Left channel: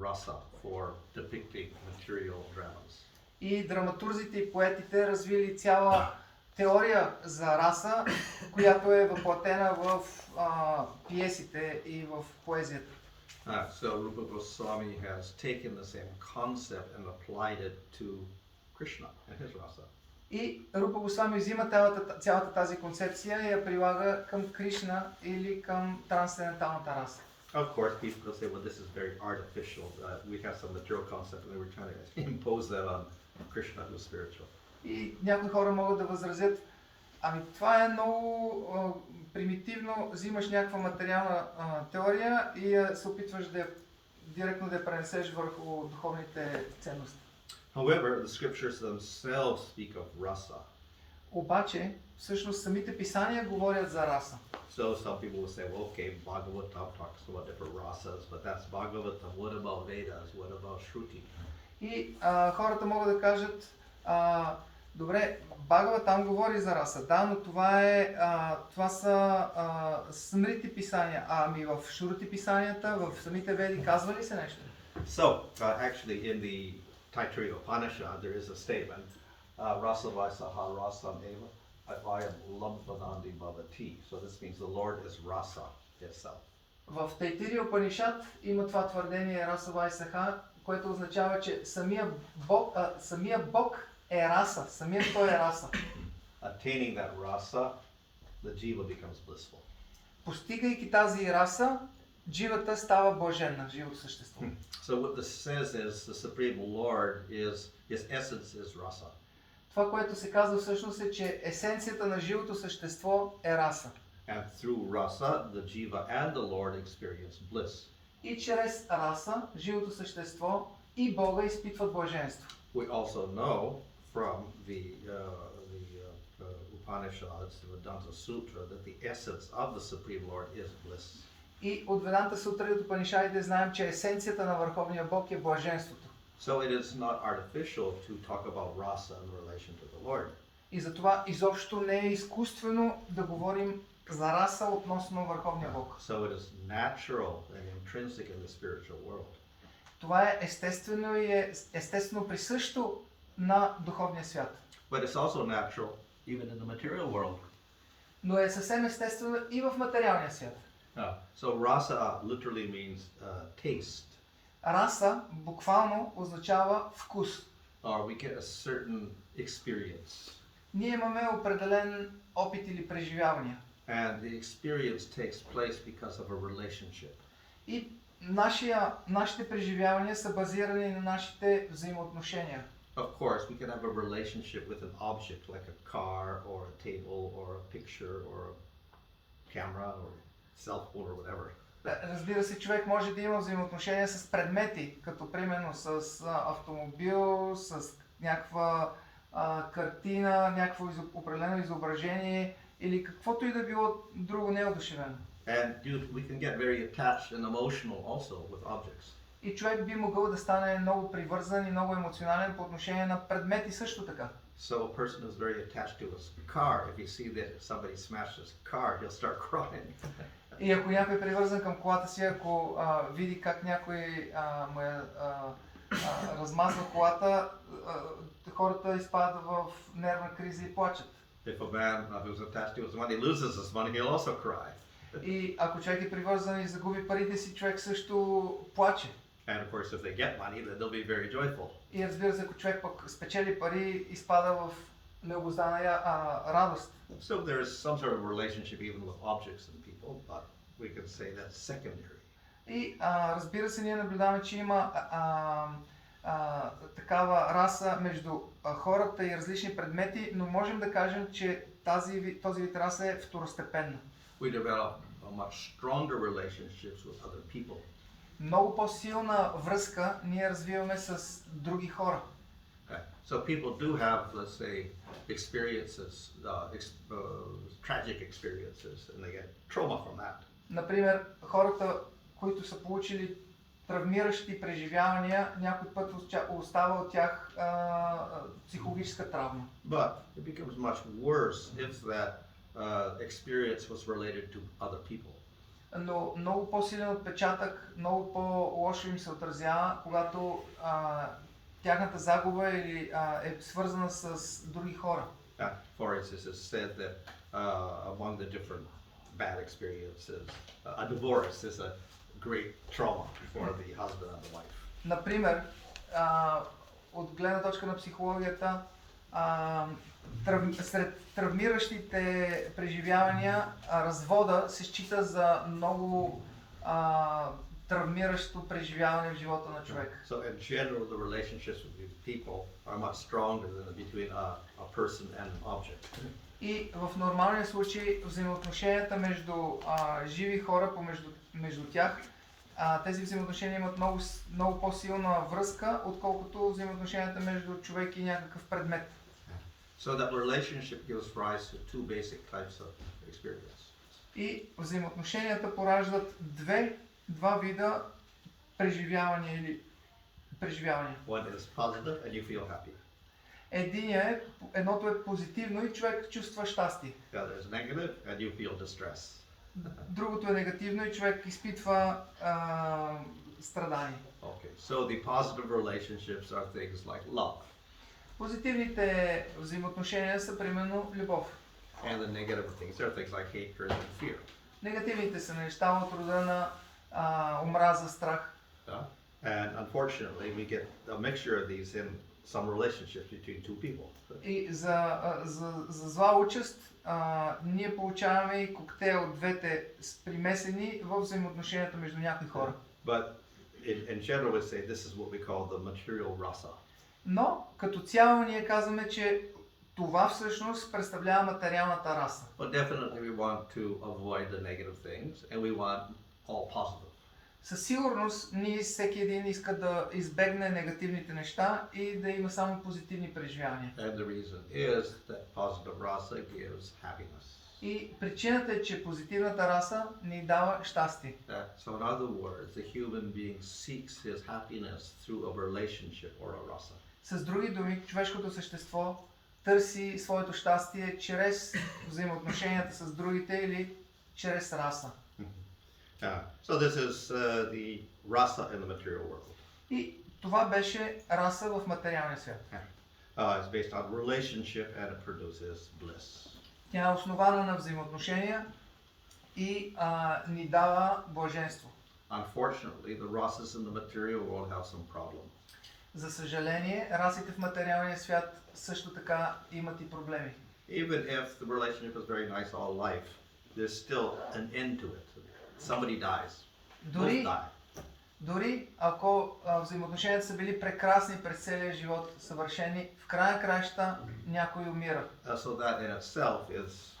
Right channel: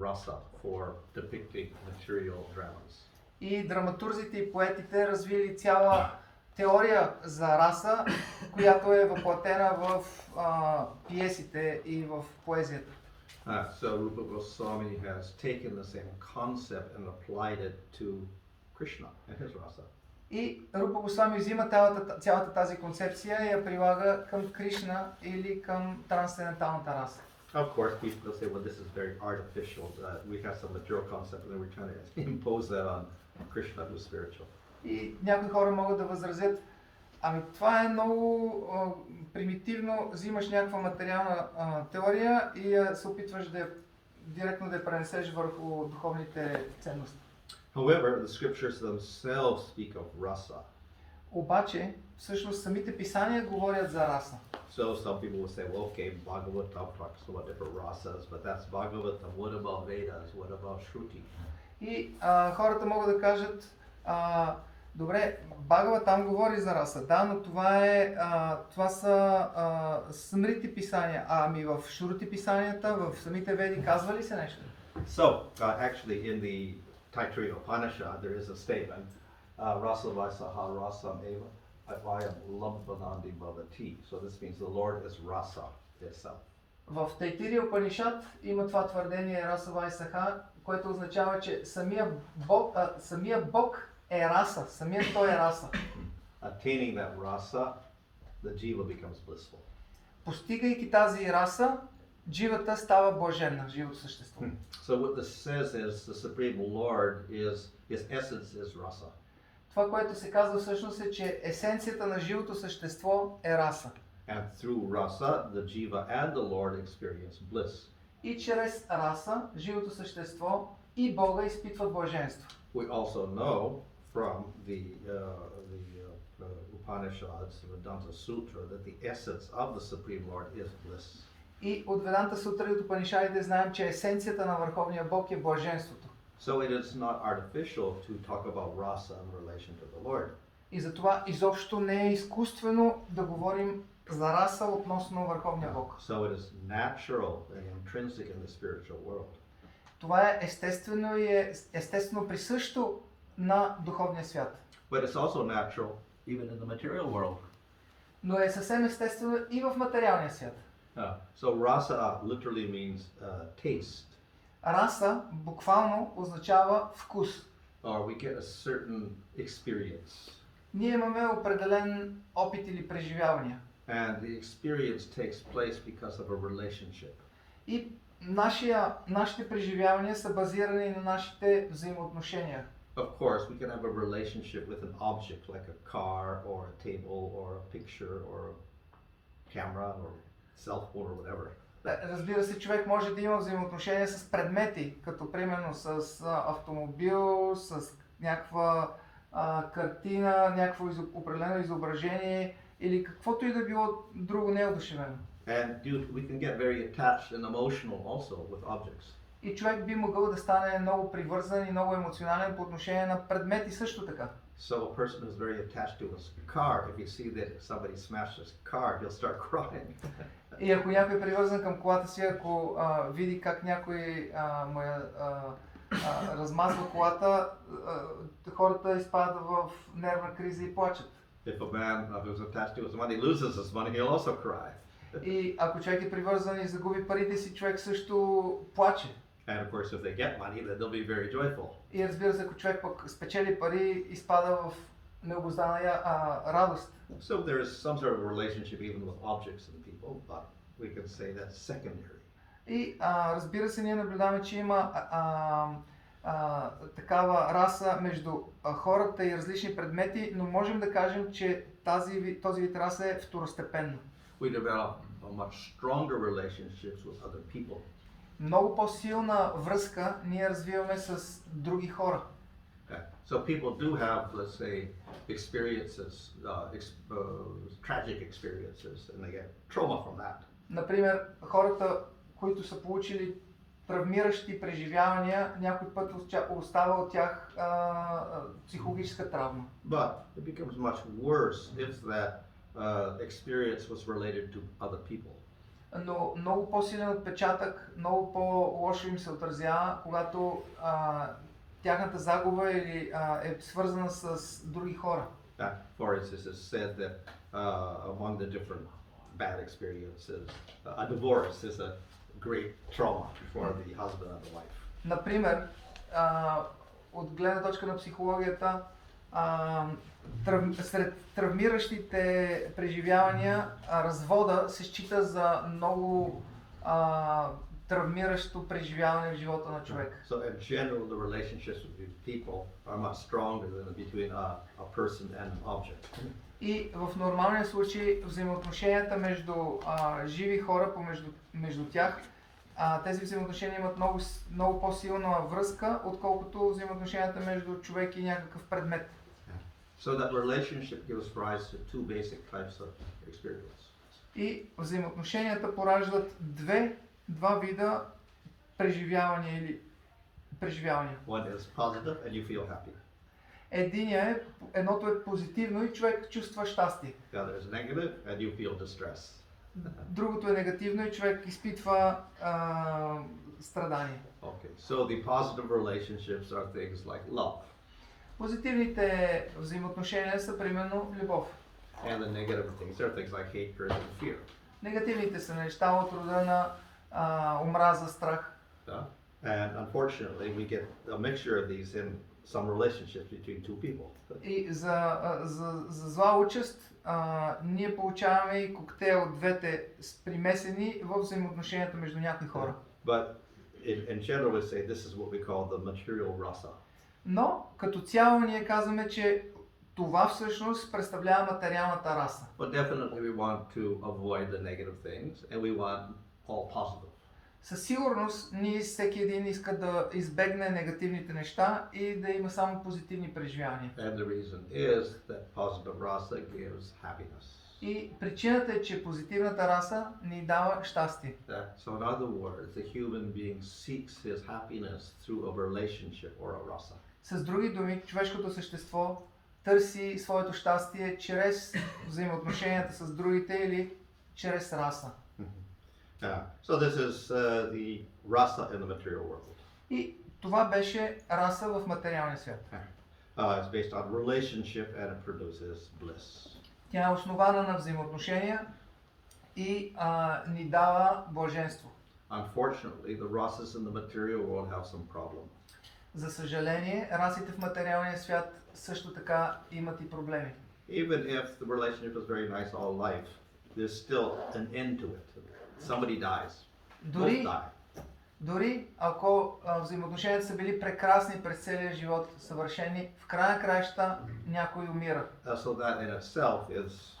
rasa for depicting material dramas. И драматурзите и поетите развили цяла теория за раса, която е въплатена в пиесите и в поезията. So Rupa Goswami has taken the same concept and applied it to Krishna and his rasa. И Рупа Госвами взима цялата тази концепция и я прилага към Кришна или към трансценденталната раса. Of course, people say, well, this is very artificial. We have some material concept and then we're trying to impose that on Krishna, who's spiritual. И някои хора могат да възразят, ами това е много примитивно, взимаш някаква материална теория и се опитваш директно да я пренесеш върху духовните ценности. However, the scriptures themselves speak of rasa. Обаче, всъщност самите писания говорят за раса. So some people will say, well, okay, Bhagavatam talks about different rasas, but that's Bhagavatam. What about Vedas? What about Shruti? И хората могат да кажат, добре, Бхагаватам говори за раса, да, но това са смрити писания. Ами в Шрути писанията, в самите Веди казва ли се нещо? So, actually in the Taittiriya Upanishad, there is a statement, Rasa Vaisaha Rasam Eva Vayam Lambhanandi Bhavati. So this means the Lord is Rasa itself. В Тайтирия Упанишад има това твърдение Раса Вайсаха, което означава, че самия Бог е раса, самият той е раса. Attaining that rasa, the jiva becomes blissful. Постигайки тази раса, дживата става блаженна, живото същество. So what this says is the Supreme Lord his essence is rasa. Това, което се казва всъщност е, че есенцията на живото същество е раса. And through rasa, the jiva and the Lord experience bliss. И чрез раса, живото същество и Бога изпитват блаженство. We also know from the Upanishads, the Vedanta Sutra, that the essence of the Supreme Lord is bliss. И от Веданта Сутра и от Упанишадите знаем, че есенцията на Върховния Бог е блаженството. So it is not artificial to talk about rasa in relation to the Lord. И затова изобщо не е изкуствено да говорим за раса относно Върховния Бог. So it is natural and intrinsic in the spiritual world. Това е естествено и е естествено присъщо на духовния свят. But it's also natural even in the material world. Но е съвсем естествено и в материалния свят. So rasa literally means taste. Раса буквално означава вкус. Or we get a certain experience. Ние имаме определен опит или преживявания. And the experience takes place because of a relationship. И нашите преживявания са базирани на нашите взаимоотношения. Of course, we can have a relationship with an object like a car or a table or a picture or a camera or cell phone or whatever. Разбира се, човек може да има взаимоотношения с предмети, като примерно с автомобил, с някаква картина, някакво определено изображение или каквото и да било друго неодушевено. And we can get very attached and emotional also with objects. И човек би могъл да стане много привързан и много емоционален по отношение на предмети също така. So a person is very attached to his car. If you see that somebody smashed his car, he'll start crying. И ако някой е привързан към колата си, ако види как някой му размазва колата, хората изпадат в нервна криза и плачат. If a man who's attached to his money loses his money, he'll also cry. И ако човек е привързан и загуби парите си, човек също плаче. And of course, if they get money, then they'll be very joyful. И разбира се, ако човек пък спечели пари, изпада в необуздана радост. So there is some sort of relationship even with objects and people, but we can say that's secondary. И разбира се, ние наблюдаваме, че има такава раса между хората и различни предмети, но можем да кажем, че този вид раса е второстепенна. We develop much stronger relationships with other people. Много по-силна връзка ние развиваме с други хора. Okay. So people do have, let's say, experiences, tragic experiences, and they get trauma from that. Например, хората, които са получили травмиращи преживявания, някой път остава от тях психологическа травма. But it becomes much worse if that experience was related to other people. но много по-силен отпечатък, много по-лошо им се отразява, когато тяхната загуба или е свързана с други хора. For instance, it's said that among the different bad experiences, a divorce is a great trauma for the husband and the wife. Например, от гледна точка на психологията, сред травмиращите преживявания, развода се счита за много травмиращо преживяване в живота на човек. So in general, the relationships with people are much stronger than between a person and an object. И в нормалния случай взаимоотношенията между живи хора, между тях, тези взаимоотношения имат много по-силна връзка, отколкото взаимоотношенията между човек и някакъв предмет. So that relationship gives rise to two basic types of experience. И взаимоотношенията пораждат два вида преживявания или преживявания. One is positive and you feel happy. Едното е позитивно и човек чувства щастие. The other is negative and you feel distress. Другото е негативно и човек изпитва страдание. Okay, so the positive relationships are things like love. Позитивните взаимоотношения са примерно любов. And the negative things are things like hatred and fear. Негативните са неща от рода на омраза, страх. And unfortunately we get a mixture of these in some relationships between two people. И за зла участ ние получаваме и коктейл от двете примесени в взаимоотношенията между някои хора. But in general we say this is what we call the material rasa. Но като цяло ние казваме, че това всъщност представлява материалната раса. But definitely we want to avoid the negative things and we want all positive. Със сигурност ние всеки един иска да избегне негативните неща и да има само позитивни преживявания. And the reason is that positive rasa gives happiness. И причината е, че позитивната раса ни дава щастие. So in other words, the human being seeks his happiness through a relationship or a rasa. С други думи, човешкото същество търси своето щастие чрез взаимоотношенията с другите или чрез раса. So this is the rasa in the material world. И това беше раса в материалния свят. It's based on relationship and it produces bliss. Тя е основана на взаимоотношения и ни дава блаженство. Unfortunately, the rasas in the material world have some problems. За съжаление, расите в материалния свят също така имат и проблеми. Even if the relationship is very nice all life, there's still an end to it. Somebody dies. Both die. Дори ако взаимоотношенията са били прекрасни през целия живот, съвършени, в края на краища някой умира. So that in itself is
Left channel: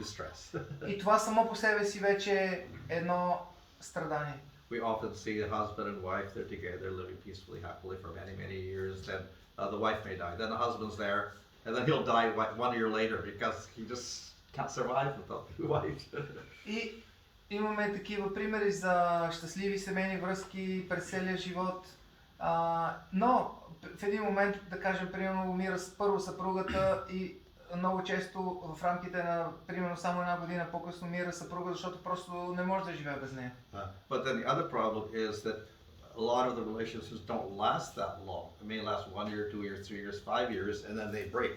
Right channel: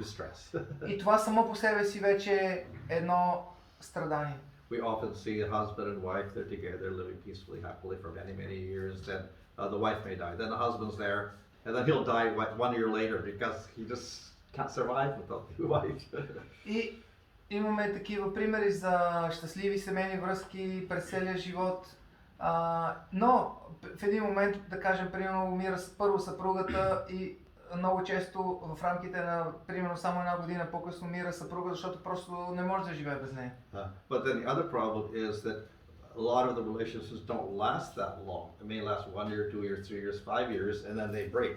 distress. И това само по себе си вече е едно страдание. We often see a husband and wife, they're together, living peacefully, happily for many, many years. Then the wife may die. Then the husband's there, and then he'll die 1 year later because he just can't survive without the wife. И имаме такива примери за щастливи семейни връзки през целия живот. Но в един момент, да кажем, примерно умира първо съпругата и много често в рамките на примерно само една година по-късно умира съпруга, защото просто не може да живее без нея. But then the other problem is that a lot of the relationships don't last that long. It may last 1 year, 2 years, 3 years, 5 years, and then they break.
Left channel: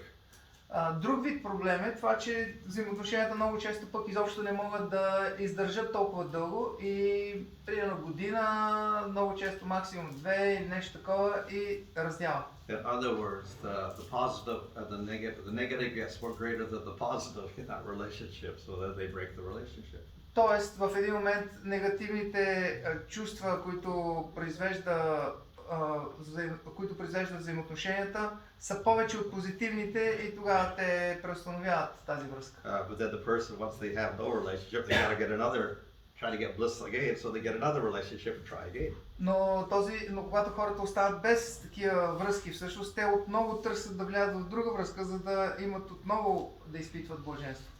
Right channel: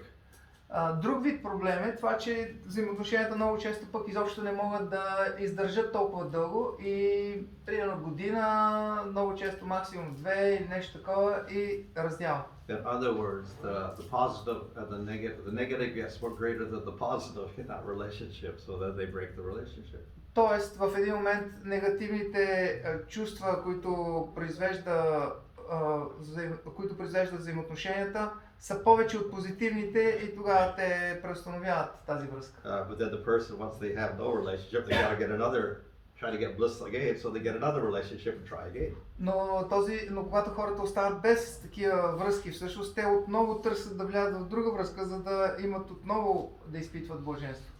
Друг вид проблем е това, че взаимоотношенията много често пък изобщо не могат да издържат толкова дълго и примерно година, много често максимум 2 или нещо такова и раздяла. In other words, the positive and the negative gets more greater than the positive in that relationship, so that they break the relationship. Тоест в един момент негативните чувства, които произвеждат взаимоотношенията, са повече от позитивните и тогава те преустановяват тази връзка. But then the person, once they have no relationship, they gotta get another, try to get bliss again, so they get another relationship and try again. Но когато хората остават без такива връзки, всъщност те отново търсят да влязат в друга връзка, за да имат отново да изпитват блаженство.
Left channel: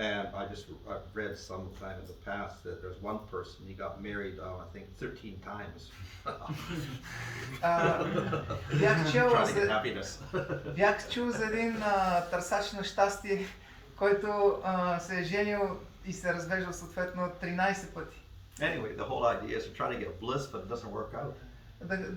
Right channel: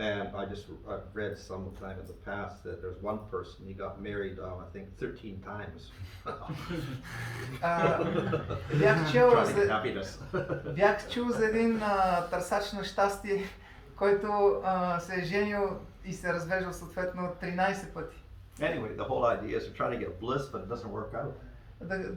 And I've read sometime in the past that there's one person, he got married, I think 13 times. Бях чул за един търсач на щастие, който се е женил и се развеждал съответно 13 пъти. Anyway, the whole idea is to try to get bliss, but it doesn't work out.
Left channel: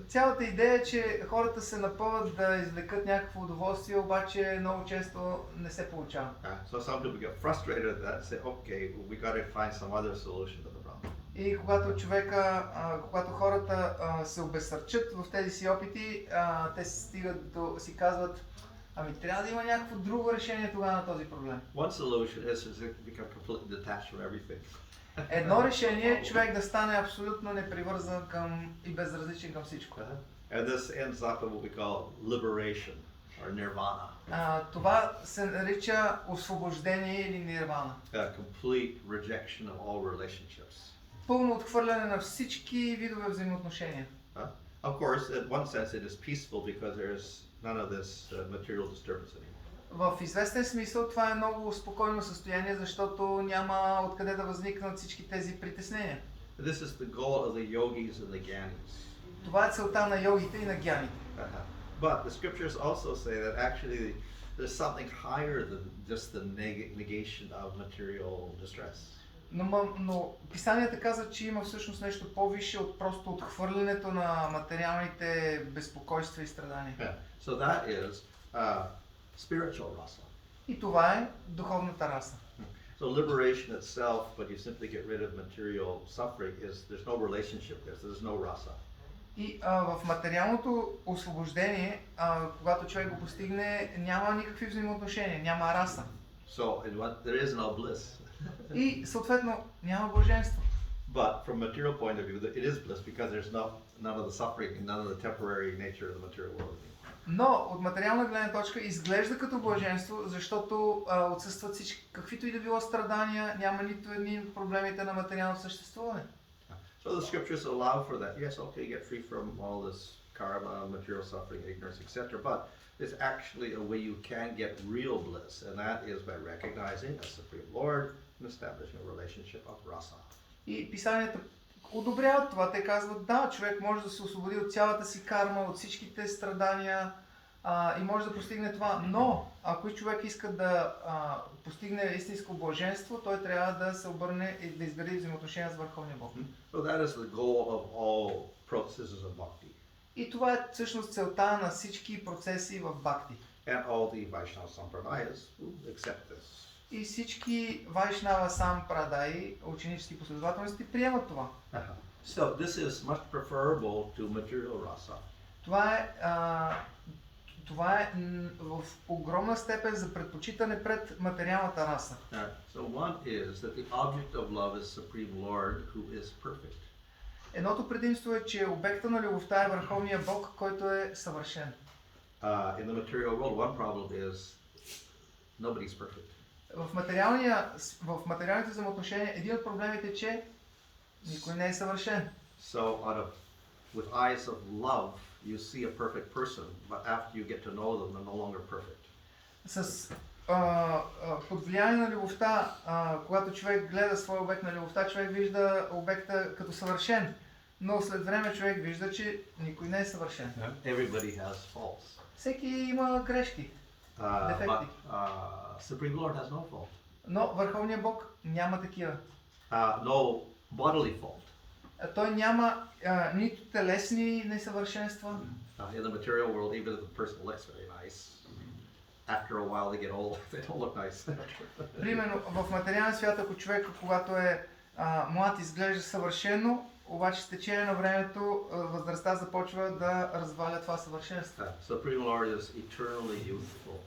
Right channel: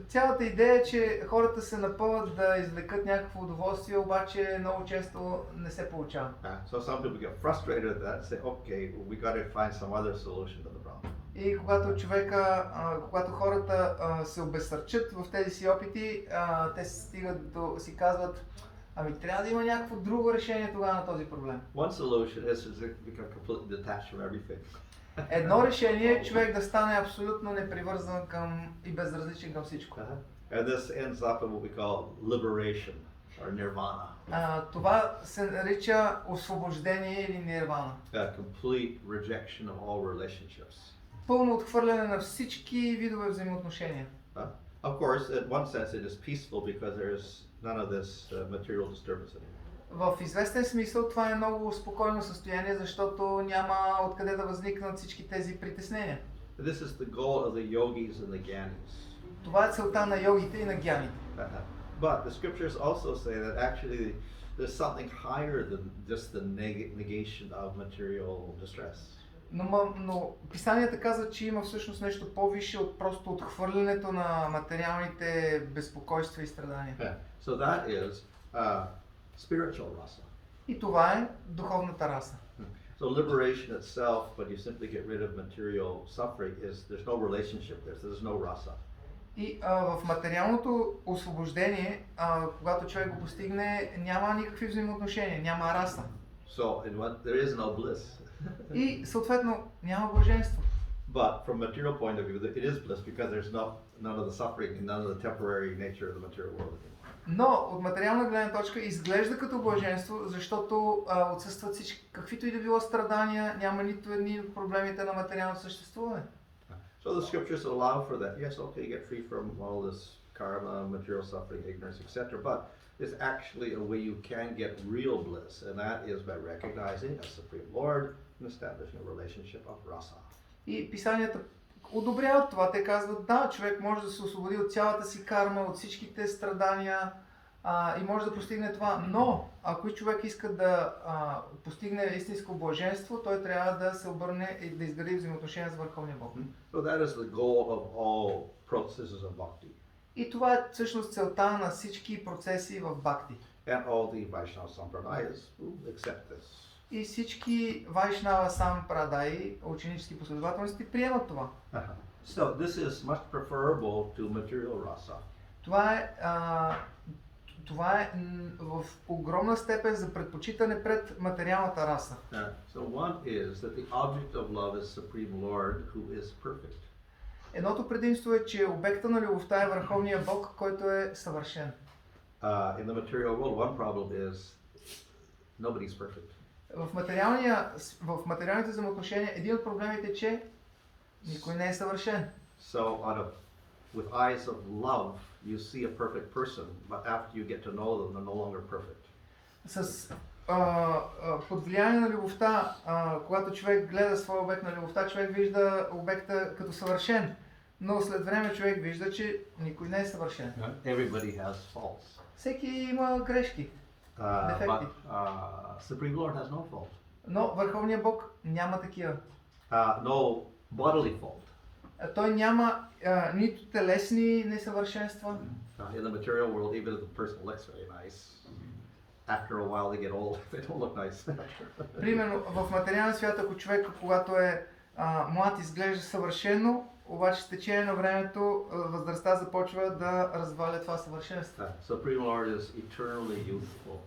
Цялата идея е, че хората се напъват да извлекат някакво удоволствие, обаче много често не се получава. So some people get frustrated at that and say, okay, we got to find some other solution to the problem. И когато хората се обезсърчат в тези си опити, те стигат до си казват, ами трябва да има някакво друго решение тогава на този проблем. One solution is to become completely detached from everything. Едно решение е човек да стане абсолютно непривързан към и безразличен към всичко. And this ends up in what we call liberation or nirvana. Това се нарича освобождение или нирвана. A complete rejection of all relationships. Пълно отхвърляне на всички видове взаимоотношения. Of course, in one sense it is peaceful because there is none of this material disturbance anymore. В известен смисъл това е много спокойно състояние, защото няма откъде да възникнат всички тези притеснения. This is the goal of the yogis and the gyanis. Това е целта на йогите и на гяните. But the scriptures also say that actually there's something higher than just the negation of material distress. Но писанията казват, че има всъщност нещо по-висше от просто отхвърлянето на материалните безпокойства и страдания. So that is spiritual rasa. И това е духовната раса. So liberation itself, when you simply get rid of material suffering, is there's no relationship there, so there's no rasa. И в материалното освобождение, когато човек го постигне, няма никакви взаимоотношения, няма раса. So there is no bliss. И съответно няма блаженство. But from material point of view, it is bliss because there's none of the suffering and none of the temporary nature of the material world. Но от материална гледна точка изглежда като блаженство, защото отсъстват всички, каквито и да било страдания, няма нито едни от проблемите на материално съществуване. So the scriptures allow for that. Yes, okay, get free from all this karma, material suffering, ignorance, etc. But there's actually a way you can get real bliss, and that is by recognizing a Supreme Lord and establishing a relationship of rasa. И писанията одобряват това. Те казват, да, човек може да се освободи от цялата си карма, от всичките страдания и може да постигне това. Но, ако и човек иска да постигне истинско блаженство, той трябва да се обърне и да изгради взаимоотношения с Върховния Бог. So that is the goal of all processes of bhakti. И това е всъщност целта на всички процеси в бхакти. And all the Vaishnava sampradayas accept this. И всички Вайшнава сампрадаи, ученически последователности, приемат това. So this is much preferable to material rasa. Това е в огромна степен за предпочитане пред материалната раса. So one is that the object of love is Supreme Lord who is perfect. Едното предимство е, че обекта на любовта е Върховния Бог, който е съвършен. In the material world, one problem is nobody's perfect. В материалните взаимоотношения един от проблемите е, че никой не е съвършен. So with eyes of love, you see a perfect person, but after you get to know them, they're no longer perfect. Под влияние на любовта, когато човек гледа своя обект на любовта, човек вижда обекта като съвършен, но след време човек вижда, че никой не е съвършен. Everybody has faults. Всеки има грешки, дефекти. Supreme Lord has no fault. Но Върховният Бог няма такива. No bodily fault. Той няма нито телесни несъвършенства. In the material world, even if the person looks very nice, after a while they get old, they don't look nice. Примерно в материален свят, ако човек, когато е млад, изглежда съвършено, обаче с течение на времето възрастта започва да разваля това съвършенство. Supreme Lord is eternally youthful.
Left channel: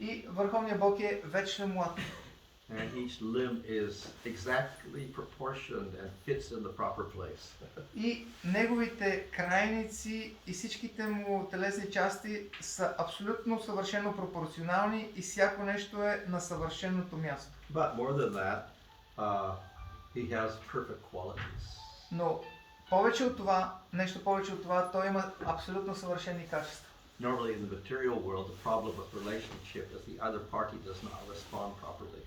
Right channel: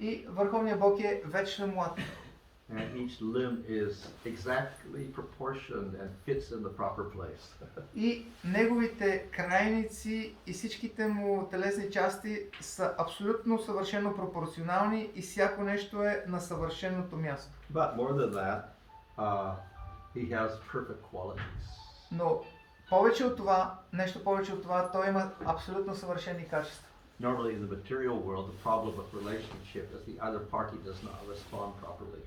И Върховният Бог е вечно млад. And each limb is exactly proportioned and fits in the proper place. И неговите крайници и всичките му телесни части са абсолютно съвършено пропорционални и всяко нещо е на съвършеното място. But more than that, he has perfect qualities. Но повече от това, нещо повече от това, той има абсолютно съвършени качества. Normally in the material world, the problem with relationship is the other party does not respond properly.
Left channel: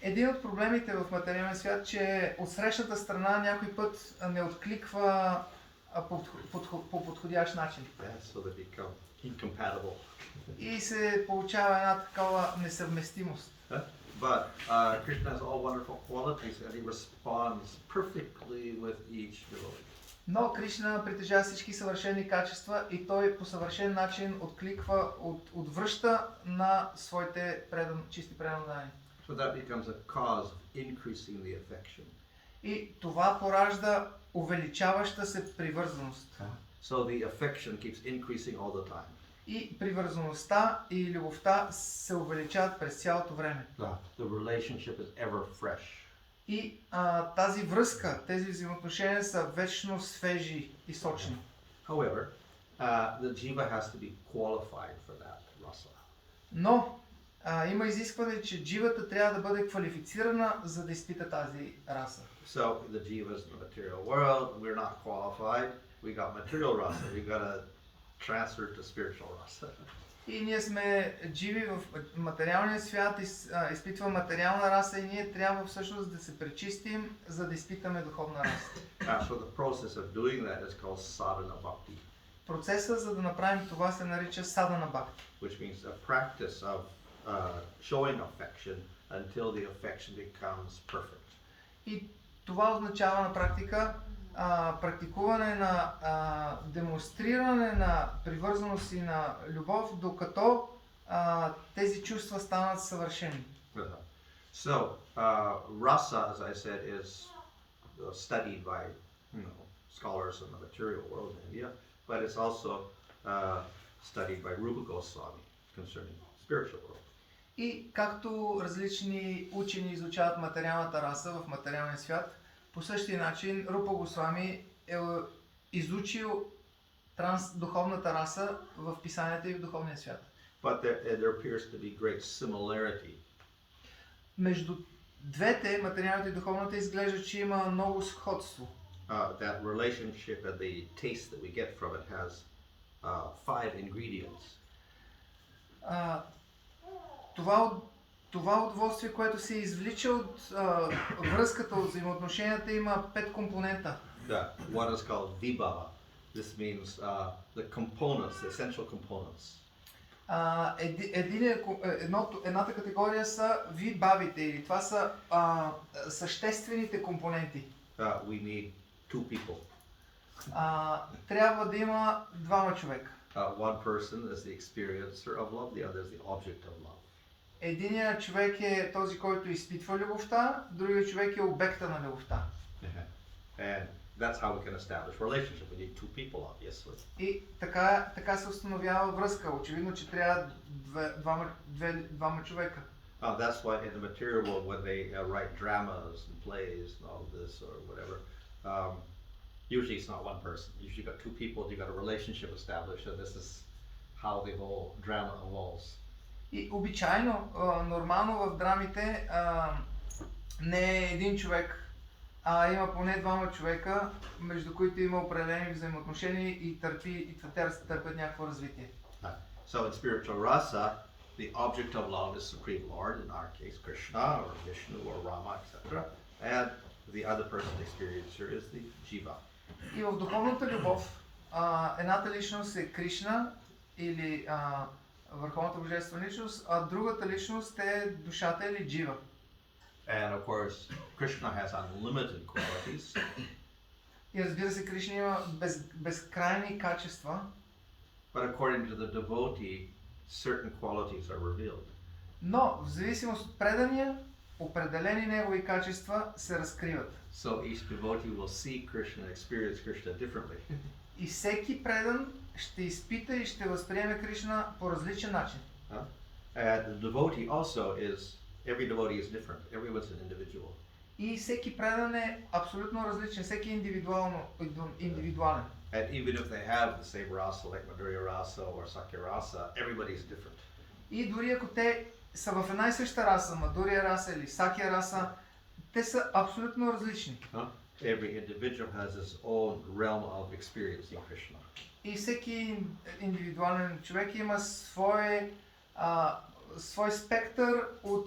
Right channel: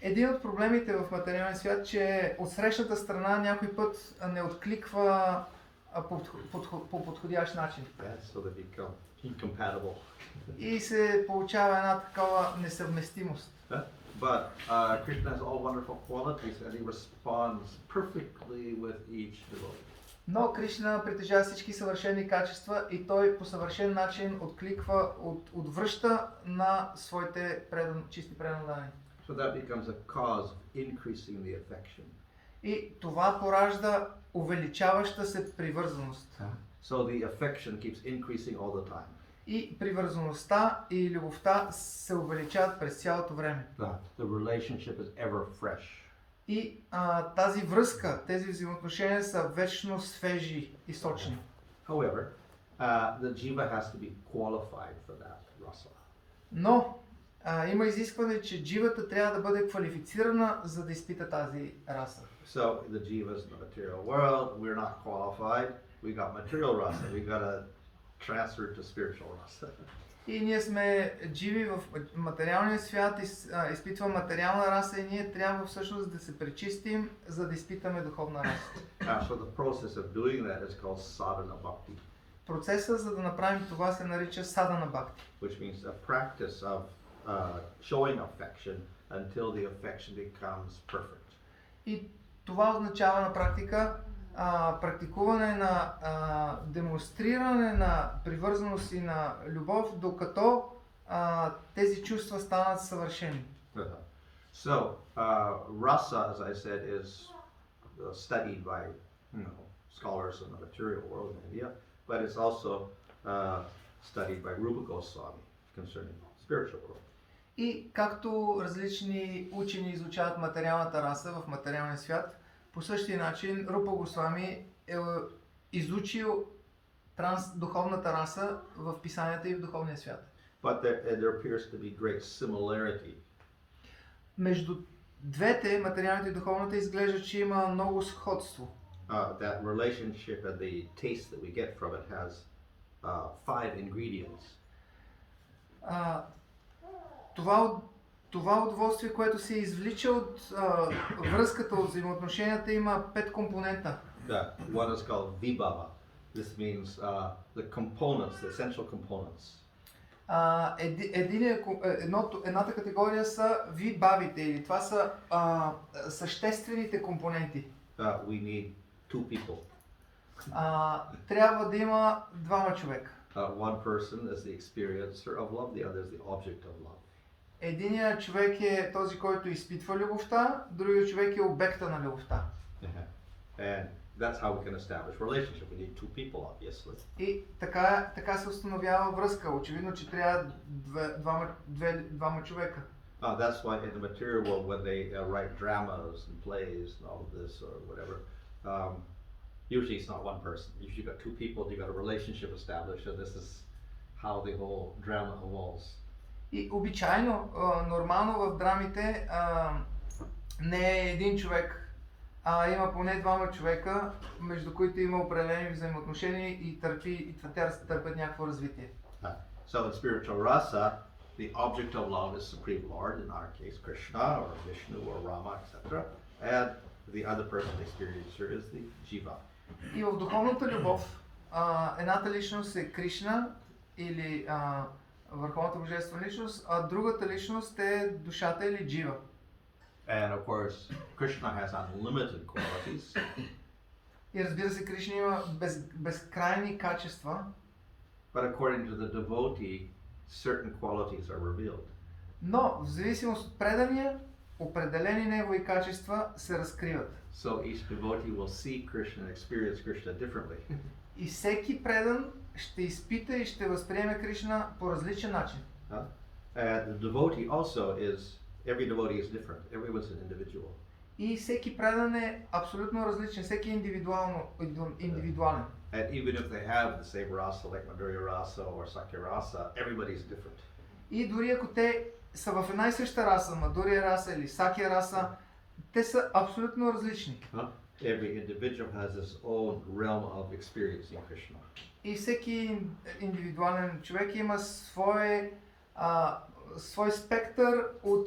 Един от проблемите в материален свят, че от срещната страна някой път не откликва по подходящ начин. So they become incompatible. И се получава една такава несъвместимост. But Krishna has all wonderful qualities and he responds perfectly with each devotee. Но Кришна притежава всички съвършени качества и той по съвършен начин откликва, отвръща на своите чисти преданни. So that becomes a cause of increasing the affection. И това поражда увеличаваща се привързаност. So the affection keeps increasing all the time. И привързаността и любовта се увеличават през цялото време. The relationship is ever fresh. И тази връзка, тези взаимоотношения са вечно свежи и сочни. However, the jiva has to be qualified for that rasa. Но има изискване, че дживата трябва да бъде квалифицирана, за да изпита тази раса. So the jivas in the material world, we're not qualified. We got material rasa. We got to transfer to spiritual rasa. И ние сме дживи в материалния свят, изпитва материална раса и ние трябва всъщност да се пречистим, за да изпитаме духовна раса. So the process of doing that is called sadhana bhakti. Процесът, за да направим това, се нарича садана бхакти. Which means a practice of showing affection until the affection becomes perfect. И това означава на практика практикуване на демонстриране на привързаност и на любов, докато тези чувства станат съвършени. So, rasa, as I said, is studied by scholars in the material world in India, but it's also studied by Rupa Goswami concerning spiritual world. И както различни учени изучават материалната раса в материалния свят, по същия начин Рупа Госвами е изучил духовната раса в писанията и в духовния свят. But there appears to be great similarity. Между двете, материалната и духовната, изглежда, че има много сходство. That relationship and the taste that we get from it has 5 ingredients. Това удоволствие, което се извлича от връзката, от взаимоотношенията, има 5 компонента. One is called vibhava. This means the components, the essential components. Едната категория са вибавите, или това са съществените компоненти. We need 2 people. Трябва да има двама човека. One person is the experiencer of love, the other is the object of love. Единият човек е този, който изпитва любовта, другият човек е обекта на любовта. And that's how we can establish relationship. We need 2 people, obviously. И така се установява връзка. Очевидно, че трябва двама човека. That's why in the material world, when they write dramas and plays and all of this or whatever, usually it's not one person. Usually you've got 2 people, you've got a relationship established, and this is how the whole drama evolves. И обичайно, нормално в драмите не е един човек, а има поне двама човека, между които има определени взаимоотношения и те търпят някакво развитие. So in spiritual rasa, the object of love is Supreme Lord, in our case Krishna or Vishnu or Rama, etc. And the other person, the experiencer, is the jiva. И в духовната любов, едната личност е Кришна или върховната божествена личност, а другата личност е душата или джива. And of course, Krishna has unlimited qualities. И разбира се, Кришна има безкрайни качества. But according to the devotee, certain qualities are revealed. Но в зависимост от предания, определени негови качества се разкриват. So each devotee will see Krishna and experience Krishna differently. И всеки предан ще изпита и ще възприеме Кришна по различен начин. And the devotee also is, every devotee is different. Everyone's an individual. И всеки предан е абсолютно различен, всеки индивидуален. And even if they have the same rasa, like Madhurya rasa or Sakya rasa, everybody's different. И дори ако те са в една и съща раса, Мадурия раса или Сакия раса, те са абсолютно различни. Every individual has his own realm of experiencing Krishna. И всеки индивидуален човек има свой спектър от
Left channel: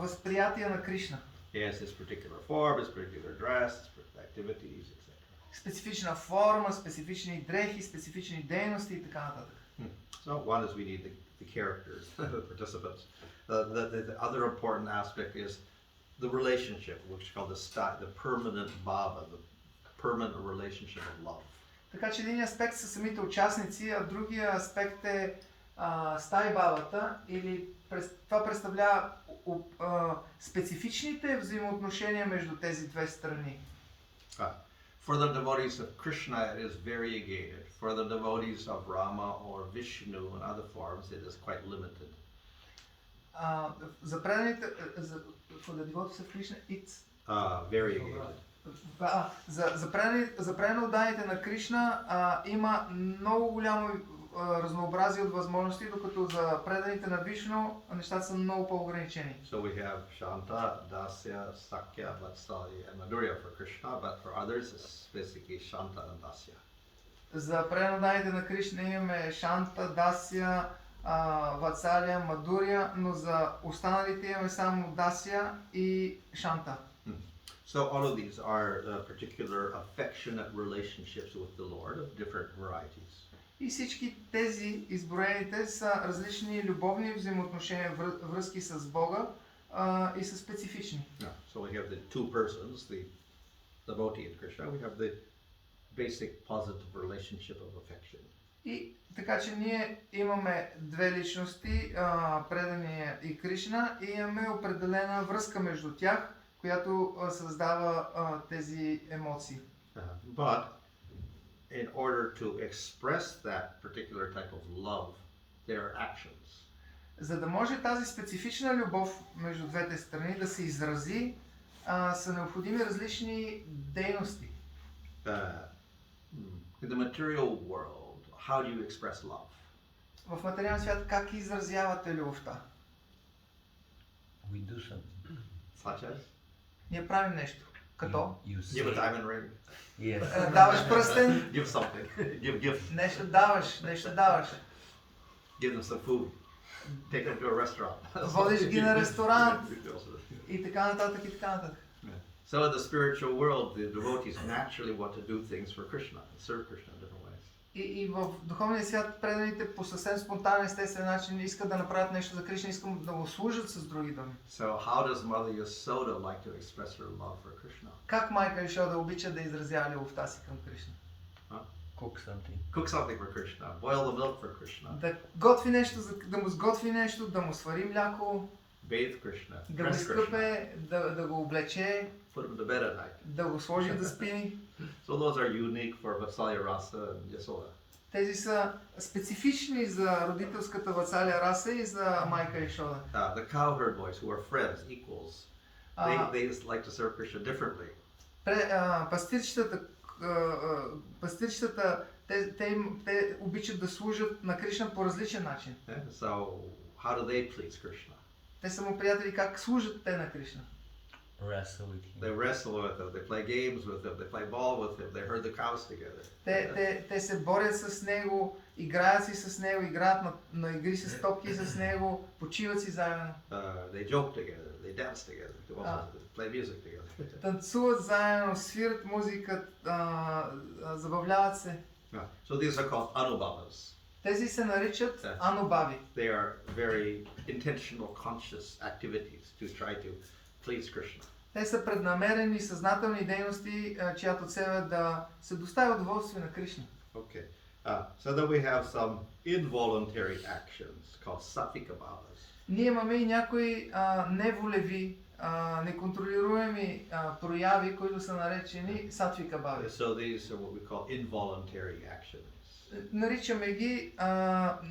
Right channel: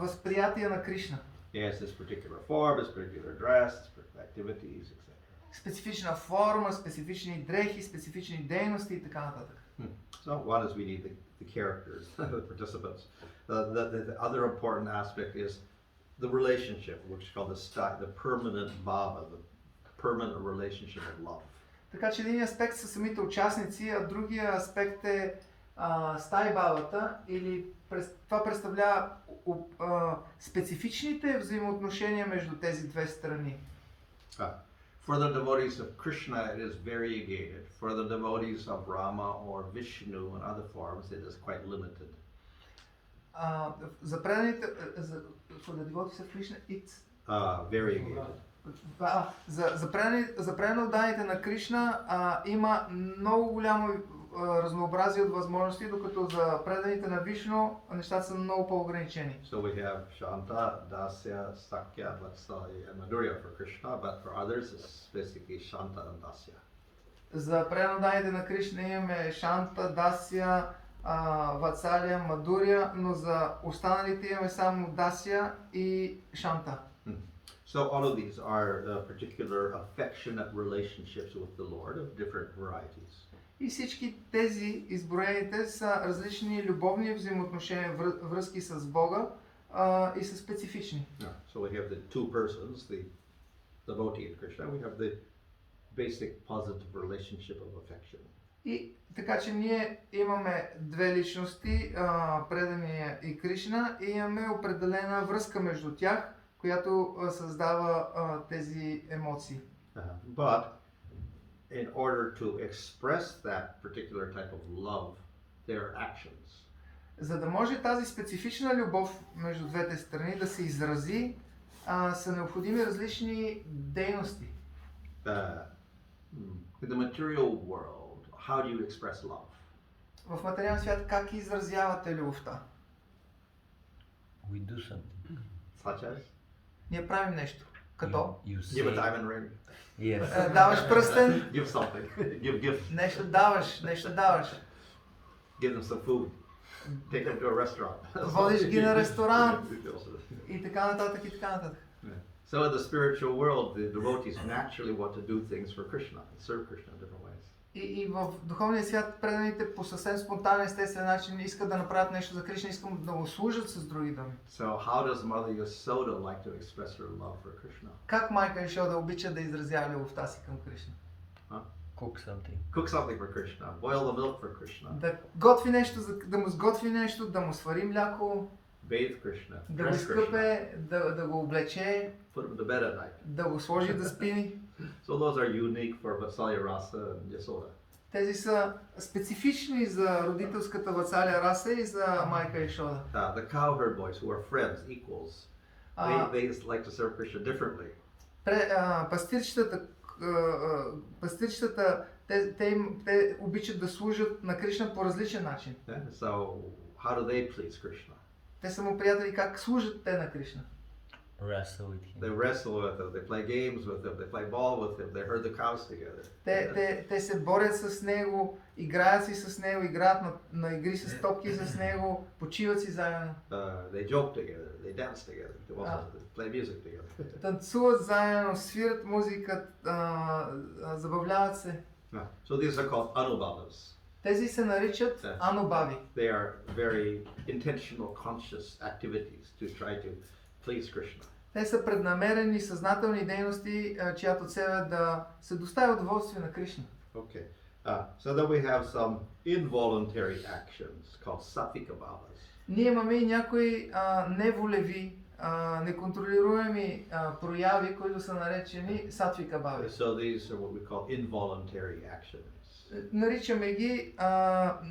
възприятие на Кришна. He has this particular form, his particular dress, his particular activities, etc. Специфична форма, специфични дрехи, специфични дейности и така нататък. So So one is we need the characters, the participants. The other important aspect is the relationship, which is called the permanent bhava, the permanent relationship of love. Така че един аспект са самите участници, а другия аспект е стай бавата, или това представлява специфичните взаимоотношения между тези две страни. For the devotees of Krishna it is variegated. For the devotees of Rama or Vishnu and other forms it is quite limited. За преданите, for the devotees of Krishna it's Variegated. За преданните на Кришна има много голямо разнообразие от възможности, докато за преданите на Вишну нещата са много по-ограничени. So we have Shanta, Dasya, Sakya, Vatsalya and Madhurya for Krishna, but for others it's basically Shanta and Dasya. За преданните на Кришна имаме Шанта, Дасия, Ватсалия, Мадурия, но за останалите имаме само Дасия и Шанта. So all of these are particular affectionate relationships with the Lord of different varieties. И всички тези изброените са различни любовни взаимоотношения, връзки с Бога и са специфични. So we have the two persons, the devotee in Krishna, we have the basic positive relationship of affection. И така че ние имаме две личности, предания и Кришна, и имаме определена връзка между тях, която създава тези емоции. But in order to express that particular type of love, there are actions. За да може тази специфична любов между двете страни да се изрази, са необходими различни дейности. In the material world, how do you express love? В материалния свят как изразявате любовта? We do something. Such as? Ние правим нещо. Като? You Give a say, diamond ring. yes. Даваш пръстен, Give something. Give gift. нещо даваш. Give them some food. Take them to a restaurant. Водиш ги на ресторант и така нататък. So in the spiritual world, the devotees naturally want to do things for Krishna and serve Krishna in different ways. И в духовния свят преданите по съвсем спонтанен, естествен начин искат да направят нещо за Кришна, искат да го служат с други думи. So how does Mother Yasoda like to express her love for Krishna? Как майка Яшода обича да изразява любовта си към Кришна? Cook something. Cook something for Krishna. Boil the milk for Krishna. Да готви нещо, да му сготви нещо, да му свари мляко, Bathe Krishna. да го Dress Krishna. изкъпе, да го облече, Put him to bed at night. да го сложи да спи. So those are unique for Vatsalya, Rasa, and Yasoda. Тези са специфични за родителската Ватсалия Раса и за майка Яшода. The cowherd boys who are friends, equals, they like to serve Krishna differently. Пастирчетата, те обичат да служат на Кришна по различен начин. So how do they please Krishna? Те са му приятели, как служат те на Кришна. Wrestle with him. They wrestle with him, they play games with him, they play ball with him, they herd the cows together. Те се борят с него, играят си с него, играят на игри с топки с него, почиват си заедно. They joke together, they dance together, they also play music together. Танцуват заедно, свират музика, забавляват се. So these are called anubhavas. Тези се наричат анубави. They are very intentional, conscious activities to try to please Krishna. Те са преднамерени, съзнателни дейности, чиято цел е да се достави удоволствие на Кришна. Okay. So then we have some involuntary actions called satvika bhavas. Ние имаме и някои неволеви, неконтролируеми прояви, които са наречени сатвика бави. So these are what we call involuntary actions. Наричаме ги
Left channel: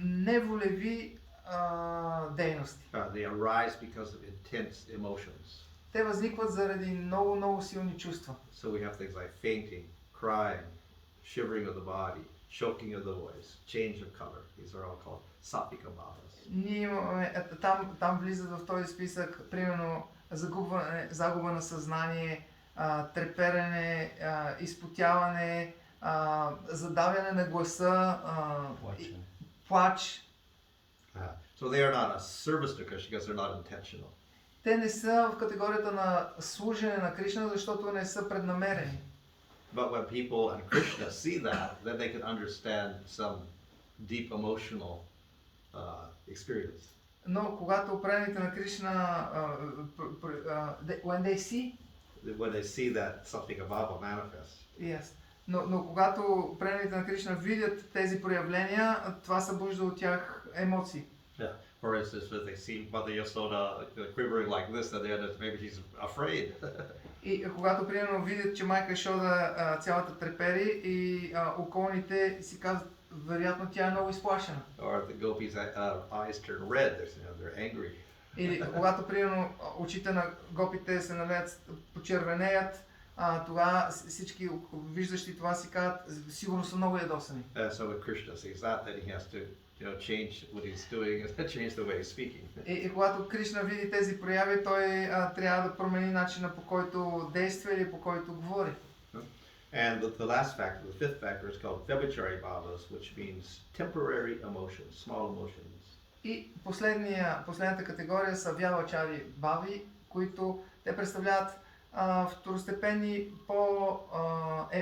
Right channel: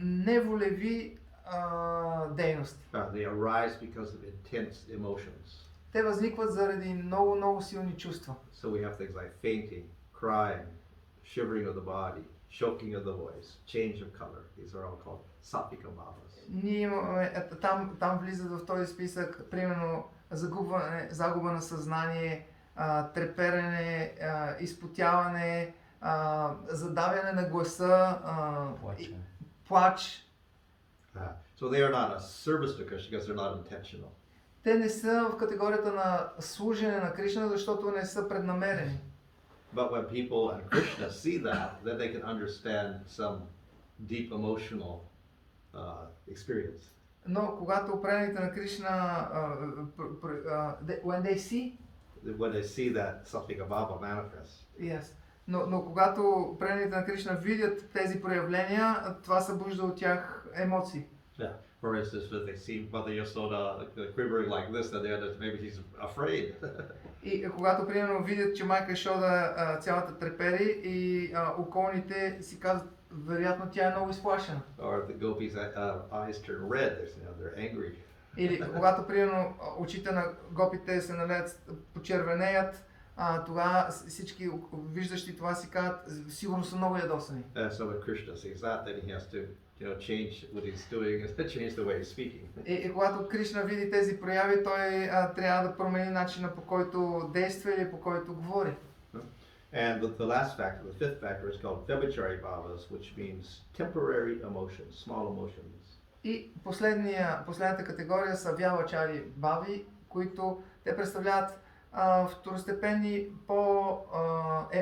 неволеви дейности. They arise because of intense emotions. Те възникват заради много силни чувства. So we have things like fainting, crying, shivering of the body, choking of the voice, change of color. These are all called satvika bhavas. Ние имаме, там влизат в този списък, примерно, загуба на съзнание, треперене, изпотяване, задавяне на гласа, плач. So they are not a service to Krishna because they're not intentional. Те не са в категорията на служене на Кришна, защото не са преднамерени. But when people and Krishna see that, then they can understand some deep emotional experience. Но когато преданите на Кришна, when they see, When they see that something above manifest. yes. Но когато преданите на Кришна видят тези проявления, това събужда от тях емоции. Yeah. For instance, if they see Mother Yasoda quivering like this, then maybe she's afraid. И когато примерно видят, че майка Шода цялата трепери и околните си казват, вероятно тя е много изплашена. Or if the gopis' eyes turn red, they're angry. Или когато примерно очите на гопите се налеят, почервенеят, това всички виждащи това си казват, сигурно са много ядосани. So when Krishna sees that, then he has to change what he's doing and change the way he's speaking. И когато Кришна види тези прояви, той трябва да промени начина, по който действа или по който говори. And the last factor, the fifth factor, is called Vyabhachari bhavas, which means temporary emotions, small emotions. И последната категория са вялачари бави, които те представляват второстепенни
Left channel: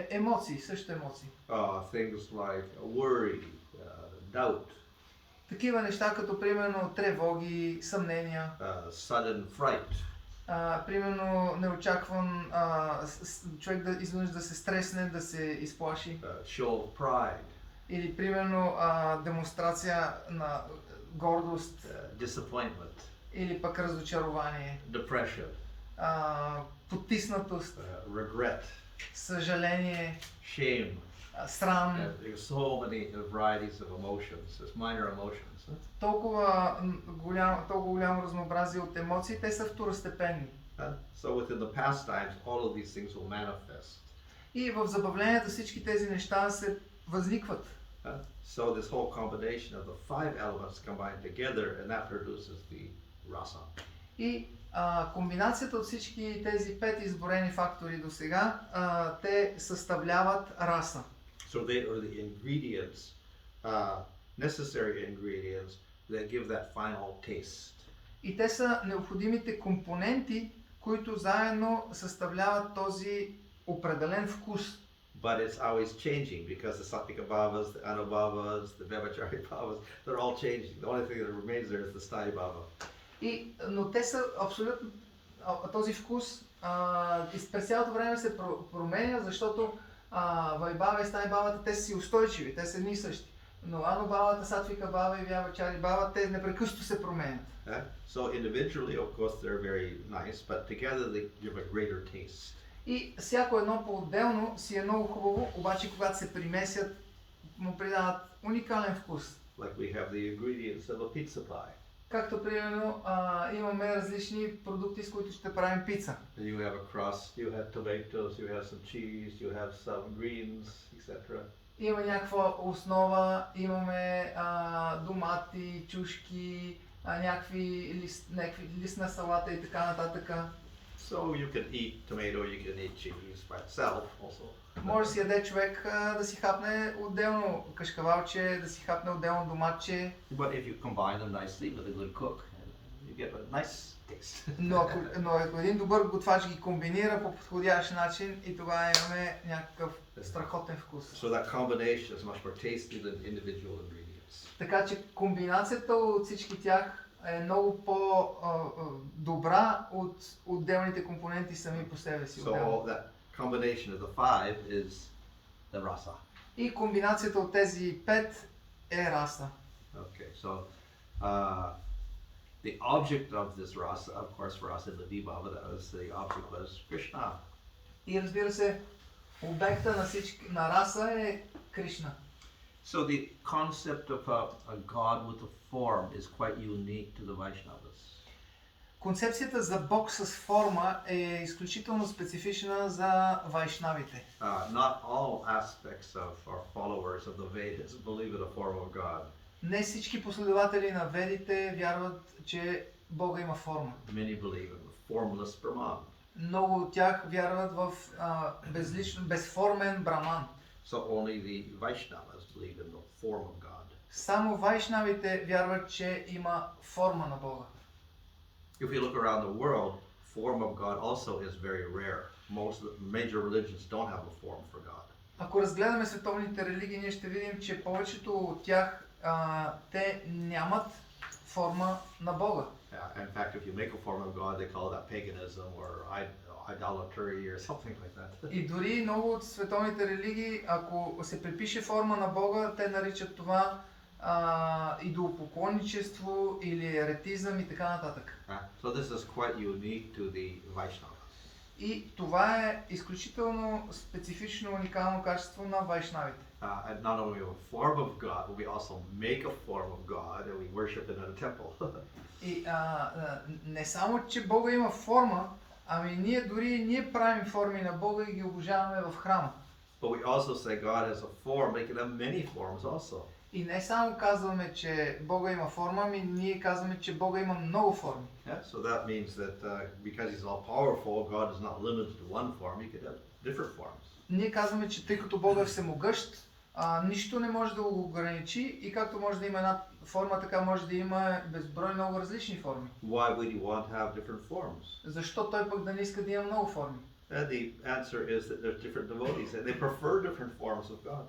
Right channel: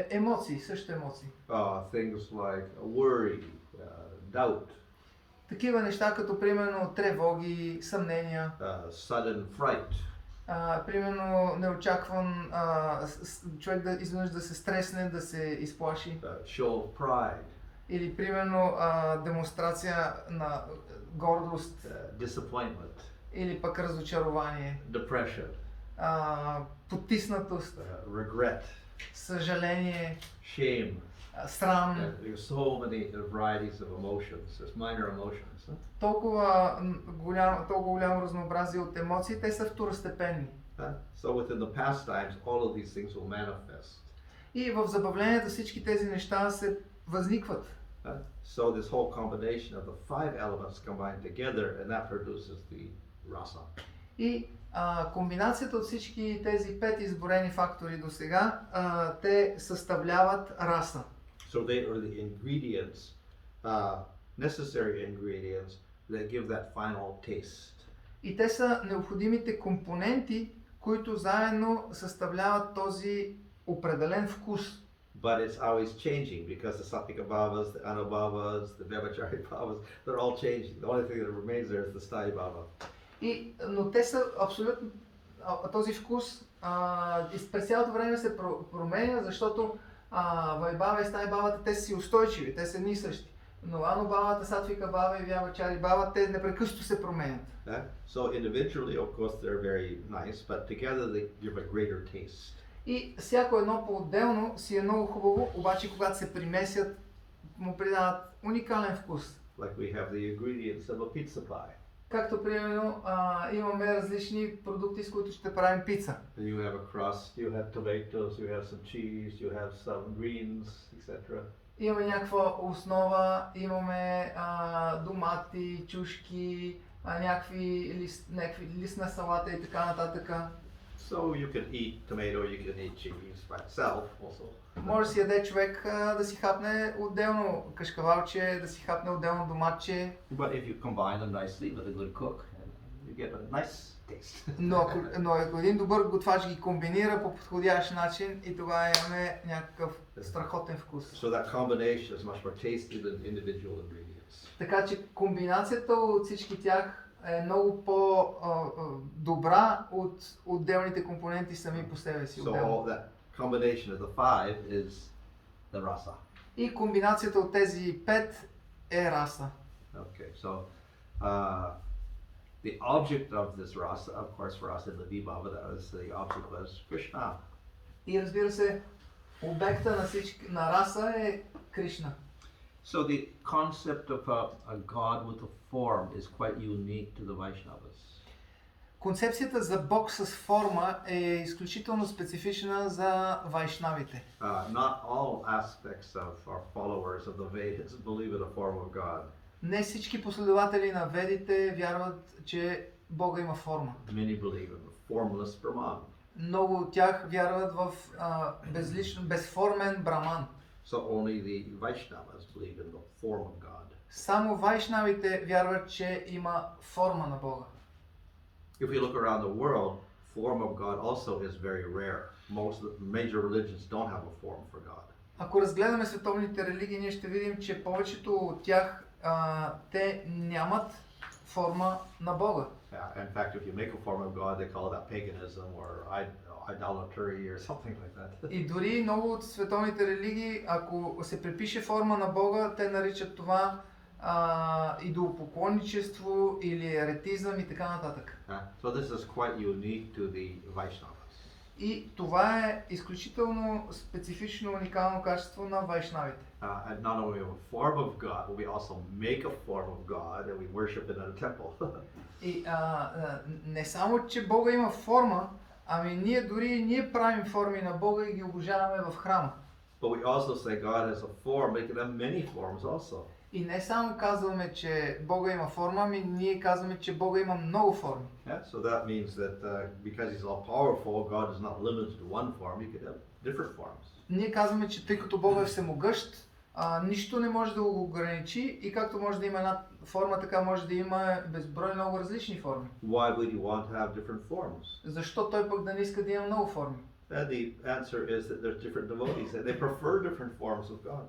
емоции, също емоции. Things like worry, doubt, Такива неща като примерно тревоги, съмнения, sudden fright, примерно неочакван човек да изведнъж да се стресне, да се изплаши. show of pride, Или примерно демонстрация на гордост, disappointment, или пък разочарование, depression, потиснатост, regret, съжаление, shame. срам. There's so many varieties of emotions, there's minor emotions. Толкова голямо разнообразие от емоции, те са второстепенни. So within the pastimes, all of these things will manifest. И в забавленията всички тези неща се възникват. So this whole combination of the five elements combined together, and that produces the rasa. И комбинацията от всички тези 5 изборени фактори до сега, те съставляват раса. So they are the ingredients, necessary ingredients that give that final taste. И те са необходимите компоненти, които заедно съставляват този определен вкус. But it's always changing because the Satyakabhavas, the Anubhavas, the Vyabhachari bhavas, they're all changing. The only thing that remains there is the Sthaya bhava. Но те са абсолютно, този вкус през цялото време се променя, защото Вайбава и Стай бавата, те са си устойчиви, те са едни и същи. Но Анубавата, Сатвика бава и Vyabhachari бава, те непрекъснато се променят. So individually, of course, they're very nice, but together they give a greater taste. И всяко едно по-отделно си е много хубаво, обаче когато се примесят, му придават уникален вкус. Like we have the ingredients of a pizza pie. Както примерно имаме различни продукти, с които ще правим пица. You have a crust, you have tomatoes, you have some cheese, you have some greens, etc. Имаме някаква основа, имаме домати, чушки, някакви листна салата и така нататък. So you can eat tomato, you can eat cheese by itself also. Може да си яде човек да си хапне отделно кашкавалче, да си хапне отделно доматче. But if you combine them nicely with a good cook, you get a nice taste. Но ако един добър готвач ги комбинира по подходящ начин и тогава имаме някакъв страхотен вкус. So that combination is much more tasty than individual ingredients. Така че комбинацията от всички тях е много по-добра от отделните компоненти сами по себе си. So all that combination of the five is the rasa. И комбинацията от тези 5 е раса. Okay, so the object of this rasa, of course, for us in the Vibhava, the object was Krishna. И разбира се, обекта на раса е Кришна. So the concept of a god with a form is quite unique to the Vaishnavas. Концепцията за Бог с форма е изключително специфична за вайшнавите. Not all aspects of our followers of the Vedas believe in a form of God. Не всички последователи на ведите вярват, че Бога има форма. Many believe in a formless Brahman. Много от тях вярват в безформен браман. So only the Vaishnavas believe in the form of God. Само вайшнавите вярват, че има форма на Бога. If we look around the world, form of God also is very rare. Most of the major religions don't have a form for God. Ако разгледаме световните религии, ние ще видим, че повечето от тях те нямат форма на Бога. In fact, if you make a form of God, they call that paganism or idolatry or something like that. И дори много от световните религии, ако се припише форма на Бога, те наричат това идолопоклонничество или еретизъм и така нататък. So this is quite unique to the Vaishnavas. И това е изключително специфично, уникално качество на вайшнавите. And not only a form of God, but we also make a form of God and we worship it in a temple. И не само, че Бога има форма, ами ние правим форми на Бога и ги обожаваме в храма. But we also say God has a form, making them many forms also. И не само казваме, че Бога има форма, ами ние казваме, че Бога има много форми. Yeah, so that means that because He's all powerful, God is not limited to one form. He could have different forms. Ние казваме, че тъй като Бога е всемогъщ, нищо не може да го ограничи и както може да има една форма, така може да има безброй много различни форми. Why would He want to have different forms? Защо той пък да не иска да има много форми? And the answer is that there's different devotees and they prefer different forms of God.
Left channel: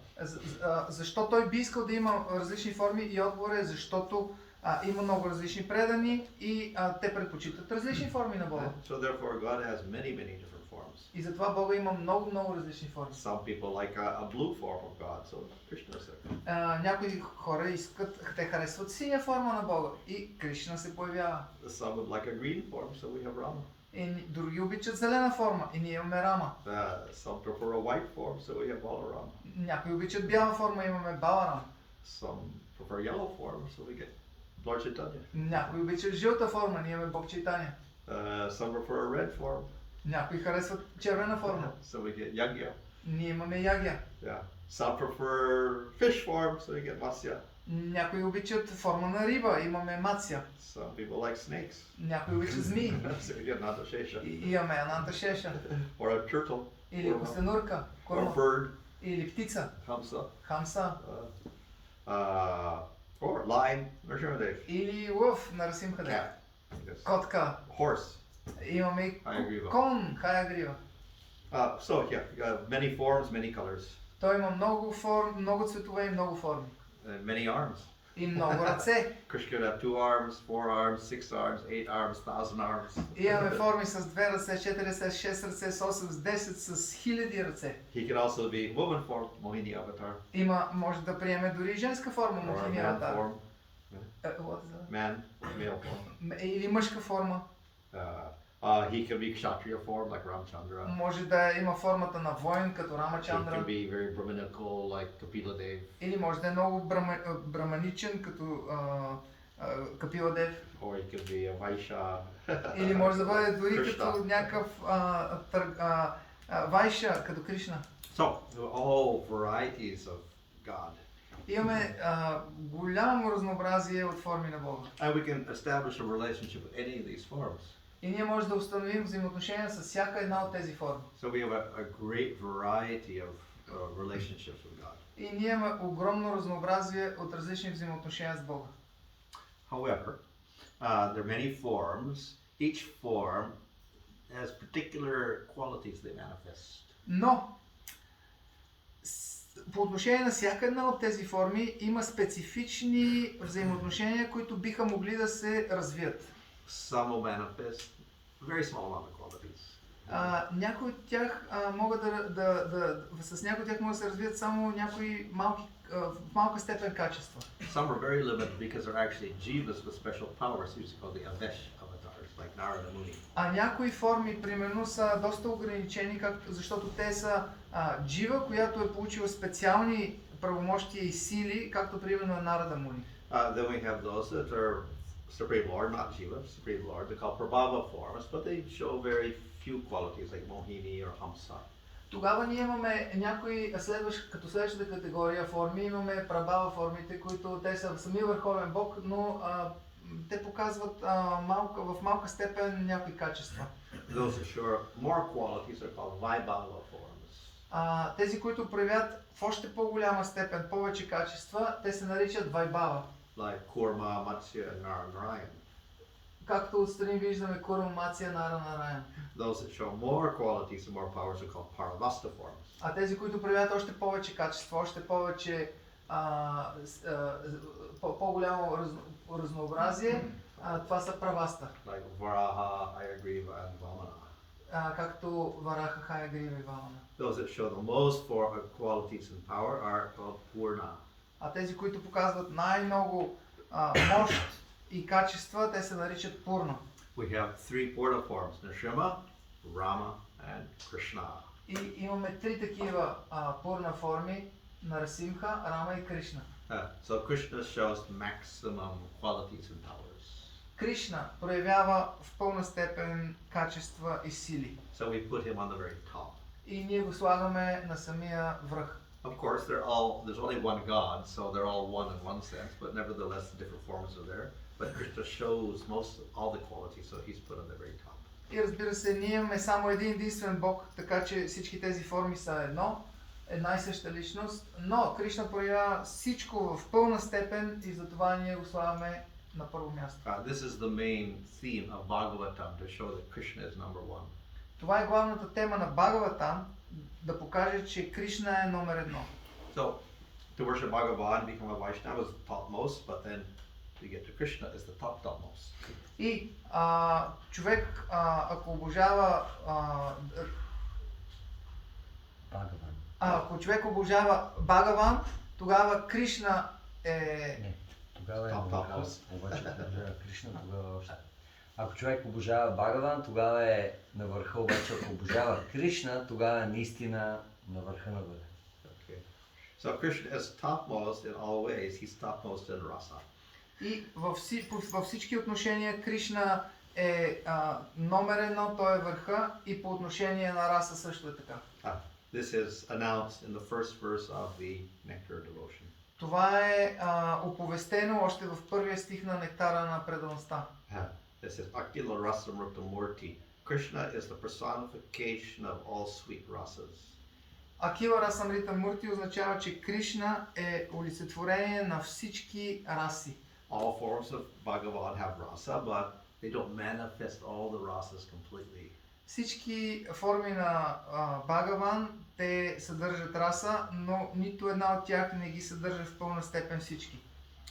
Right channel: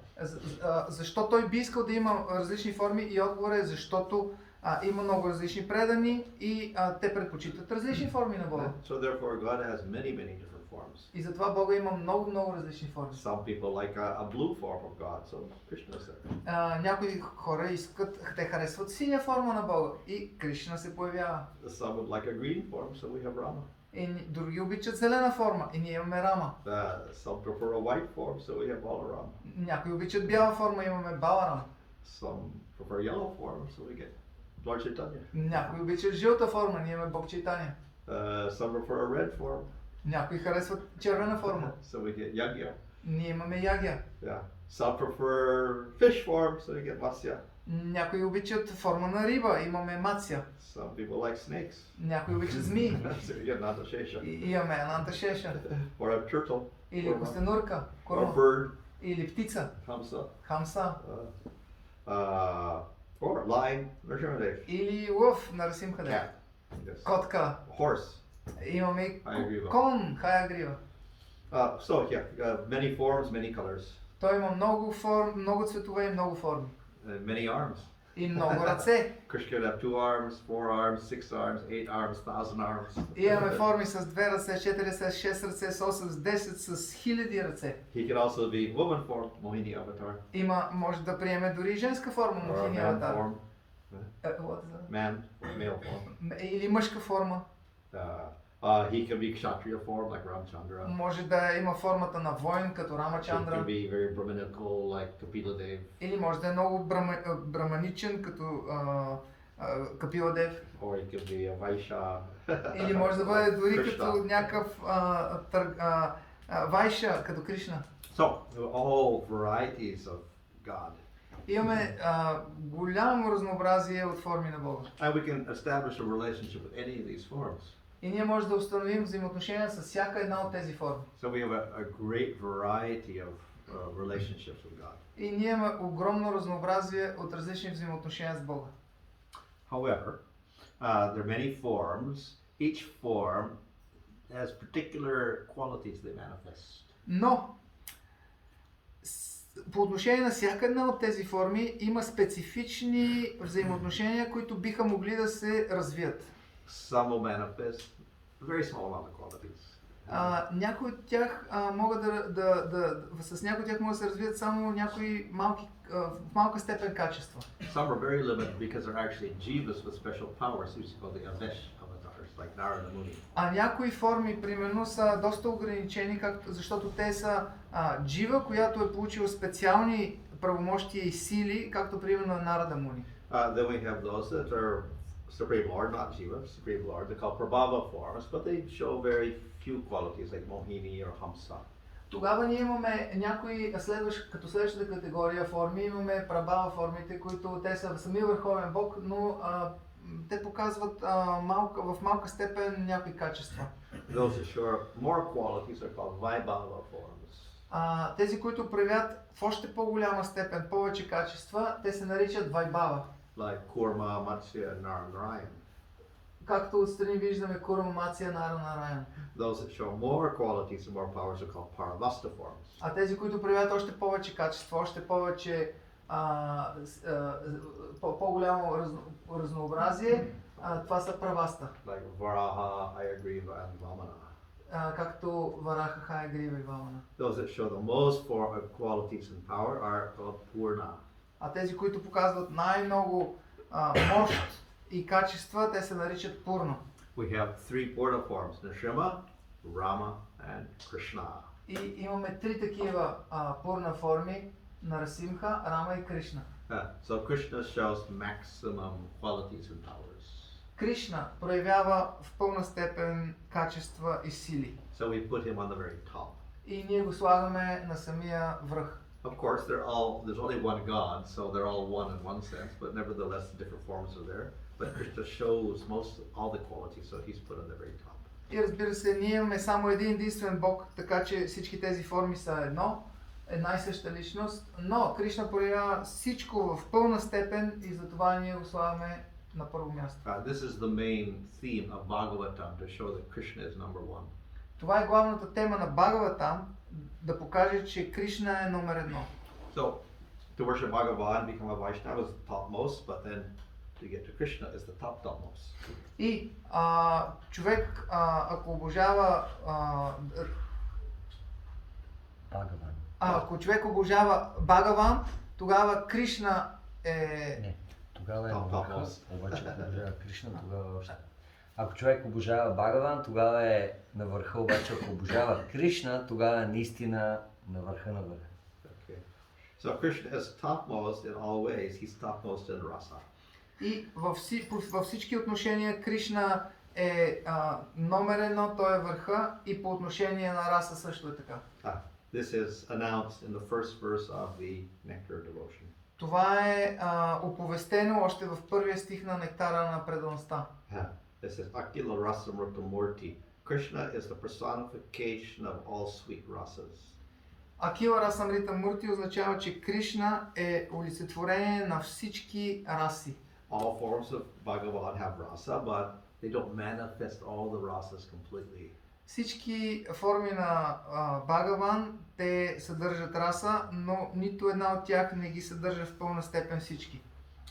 Защо той би искал да има различни форми? И отговорът е защото има много различни предани и те предпочитат различни форми на Бога. So therefore God has many different forms. И затова Бога има много различни форми. Some people like a blue form of God, so Krishna said. Някои хора те харесват синя форма на Бога и Кришна се появява. Some would like a green form, so we have Rama. И други обичат зелена форма и ние имаме Рама. Some prefer a white form, so we have Balarama. Някои обичат бяла форма, имаме Баларам. Some prefer yellow form, so we get Lord Chaitanya. Някои обичат жълта форма, ние имаме Бог Чайтаня. Some prefer a red form. Някои харесват червена форма. So we get Yagya. Ние имаме Ягя. Yeah. Some prefer fish form, so we get Matsya. Някои обичат форма на риба, имаме Мация. Some people like snakes. Някои обичат змии. So we get Nandashesha. И имаме Ананта Шеша. Or a turtle. Или костенурка, Or корма. a bird. Или птица, Hamsa. хамса. Or lion. Nrsimhadev. Или лъв, Нарсимхадев. Cat. Yes. Котка. Horse. Имаме Хаягрива. кон, Хаягрива. So many forms, many colors, Той има много форми, много цветове и много форми. many arms. И много ръце. Krishna could have 2 arms, 4 arms, 6 arms, 8 arms, 1000 arms. Имаме форми с 2 ръце, 4 ръце, 6 ръце, с 8, с 10, с хиляди ръце. He could also be woman form, Mohini avatar. Може да приеме дори женска форма, Or a Мохини man аватар. form. What is that? Man, male form. Или мъжка форма. He can be Kshatriya form like Ramchandra. Може да има формата на воин, като He Рамачандра. can be very Brahminical like Kapila Dev. Или може да е много браманичен, като Капила Дев. Or he could be a Vaishya. Или може да бъде дори Krishna. като някакъв Вайша, като Кришна. So, all varieties of God. Имаме голямо разнообразие от форми на Бога. And we can establish a relationship with any of these forms. И ние можем да установим взаимоотношения с всяка една от тези форми. So we have a great variety of relationships with God. И ние имаме огромно разнообразие от различни взаимоотношения с Бога. However, there are many forms. Each form has particular qualities they manifest. Но по отношение на всяка една от тези форми има специфични взаимоотношения, които биха могли да се развият. Some will manifest very small amount of qualities. Някои от тях могат с някои от тях могат да се развият само някои в малка степен качества. Some are very limited because they're actually jivas with special powers, used called the Avesh avatars, like Narada Muni. А някои форми, примерно, са доста ограничени, защото те са джива, която е получила специални правомощия и сили, както примерно Нарада Муни. Then we have those that are Supreme Lord, not Jiva, Supreme Lord. They're called Prabhava forms, but they show very few qualities like Mohini or Hamsa. Тогава ние имаме някои като следващата категория форми, имаме Прабхава формите, които те са самия върховен бог, но те показват в малка степен някои качества. Those that show more qualities are called Vaibhava forms. Тези, които проявят в още по-голяма степен повече качества, те се наричат Вайбава. Like Kurma, Matsya, and Narayan. Както отстрани виждаме Курма, Мация, Нараян. Those that show more qualities and more powers are called Paravasta forms. А тези, които проявят още повече качества, още повече по-голямо разнообразие, това са праваста. Like Varaha, Ayagriva, and Vamana. Както Вараха, Хаягрива и Вамана. Those that show the most for qualities and power are called Purna. А тези, които показват най-много мощ и качества, те се наричат Пурна. We have three Purna forms, Nrsimha, Rama, and Krishna. И имаме три такива Пурна форми на Расимха, Рама и Кришна. So Krishna shows maximum qualities and powers. Кришна проявява в пълна степен качества и сили. So we put him on the very top. И ние го слагаме на самия връх. Of course, there's only one God, so they're all one in one sense, but nevertheless the different forms are there. But Krishna shows all the qualities, so he's put on the very top. И разбира се, ние имаме само един единствен Бог, така че всички тези форми са една и съща личност, но Кришна проявява всичко в пълна степен и затова ние го слагаме на първо място. This is the main theme of Bhagavatam, to show that Krishna is number one. Това е главната тема на Бхагаватам, да покаже, че Кришна е номер едно. So, to worship Bhagavan, become a Vaishnava is the topmost, but then to get to Krishna is the topmost. И човек, ако обожава ако човек обожава Бхагаван, тогава Кришна е... Не, тогава е на върха, обаче ако обожава Кришна, тогава е още. Ако човек обожава Бхагаван, тогава е на върха, обаче ако обожава Кришна, тогава е наистина на върха на върха. Okay. So Krishna is topmost in all ways, he's topmost in Rasa. И във всички отношения Кришна е номер едно, той е върха и по отношение на Раса също е така. This is announced in the first verse of the Nectar devotion. Това е оповестено още в първия стих на Нектара на предаността. This is Akila Rasa Murta Murti. Krishna is the personification of all sweet rasas. Акила Расамрита Мурти означава, че Кришна е олицетворение на всички раси. All forms of Bhagavan have rasa, but they don't manifest all the rasas completely. Всички форми на Бхагаван, те съдържат раса, но нито една от тях не ги съдържа в пълна степен всички.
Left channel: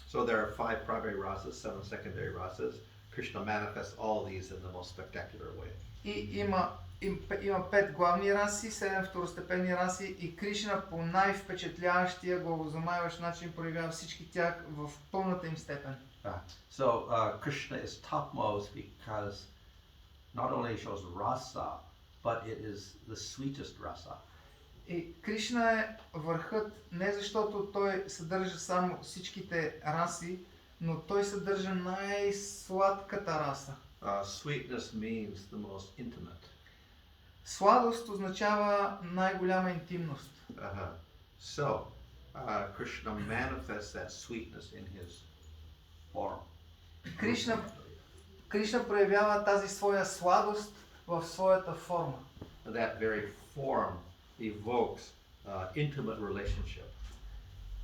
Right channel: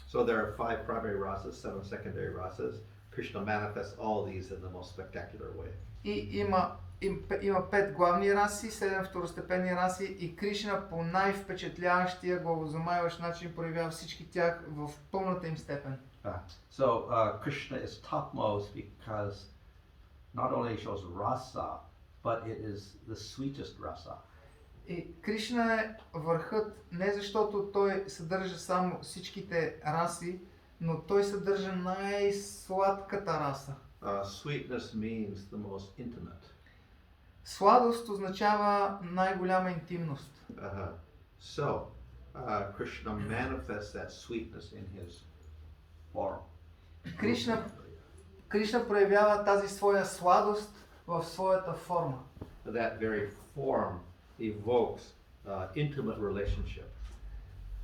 So there are 5 primary rasas, 7 secondary rasas. Krishna manifests all these in the most spectacular way. И има 5 главни раси, 7 второстепенни раси и Кришна по най-впечатляващия, главозамайващ начин проявява всички тях в пълната им степен. So Krishna is topmost because not only shows rasa, but it is the sweetest rasa. И Кришна е върхът не защото той съдържа само всичките раси, но той съдържа най-сладката раса. Sweetness means the most intimate. Сладост означава най-голяма интимност. So Krishna manifests that sweetness in his form. Кришна проявява тази своя сладост в своята форма. That very form evokes intimate relationship.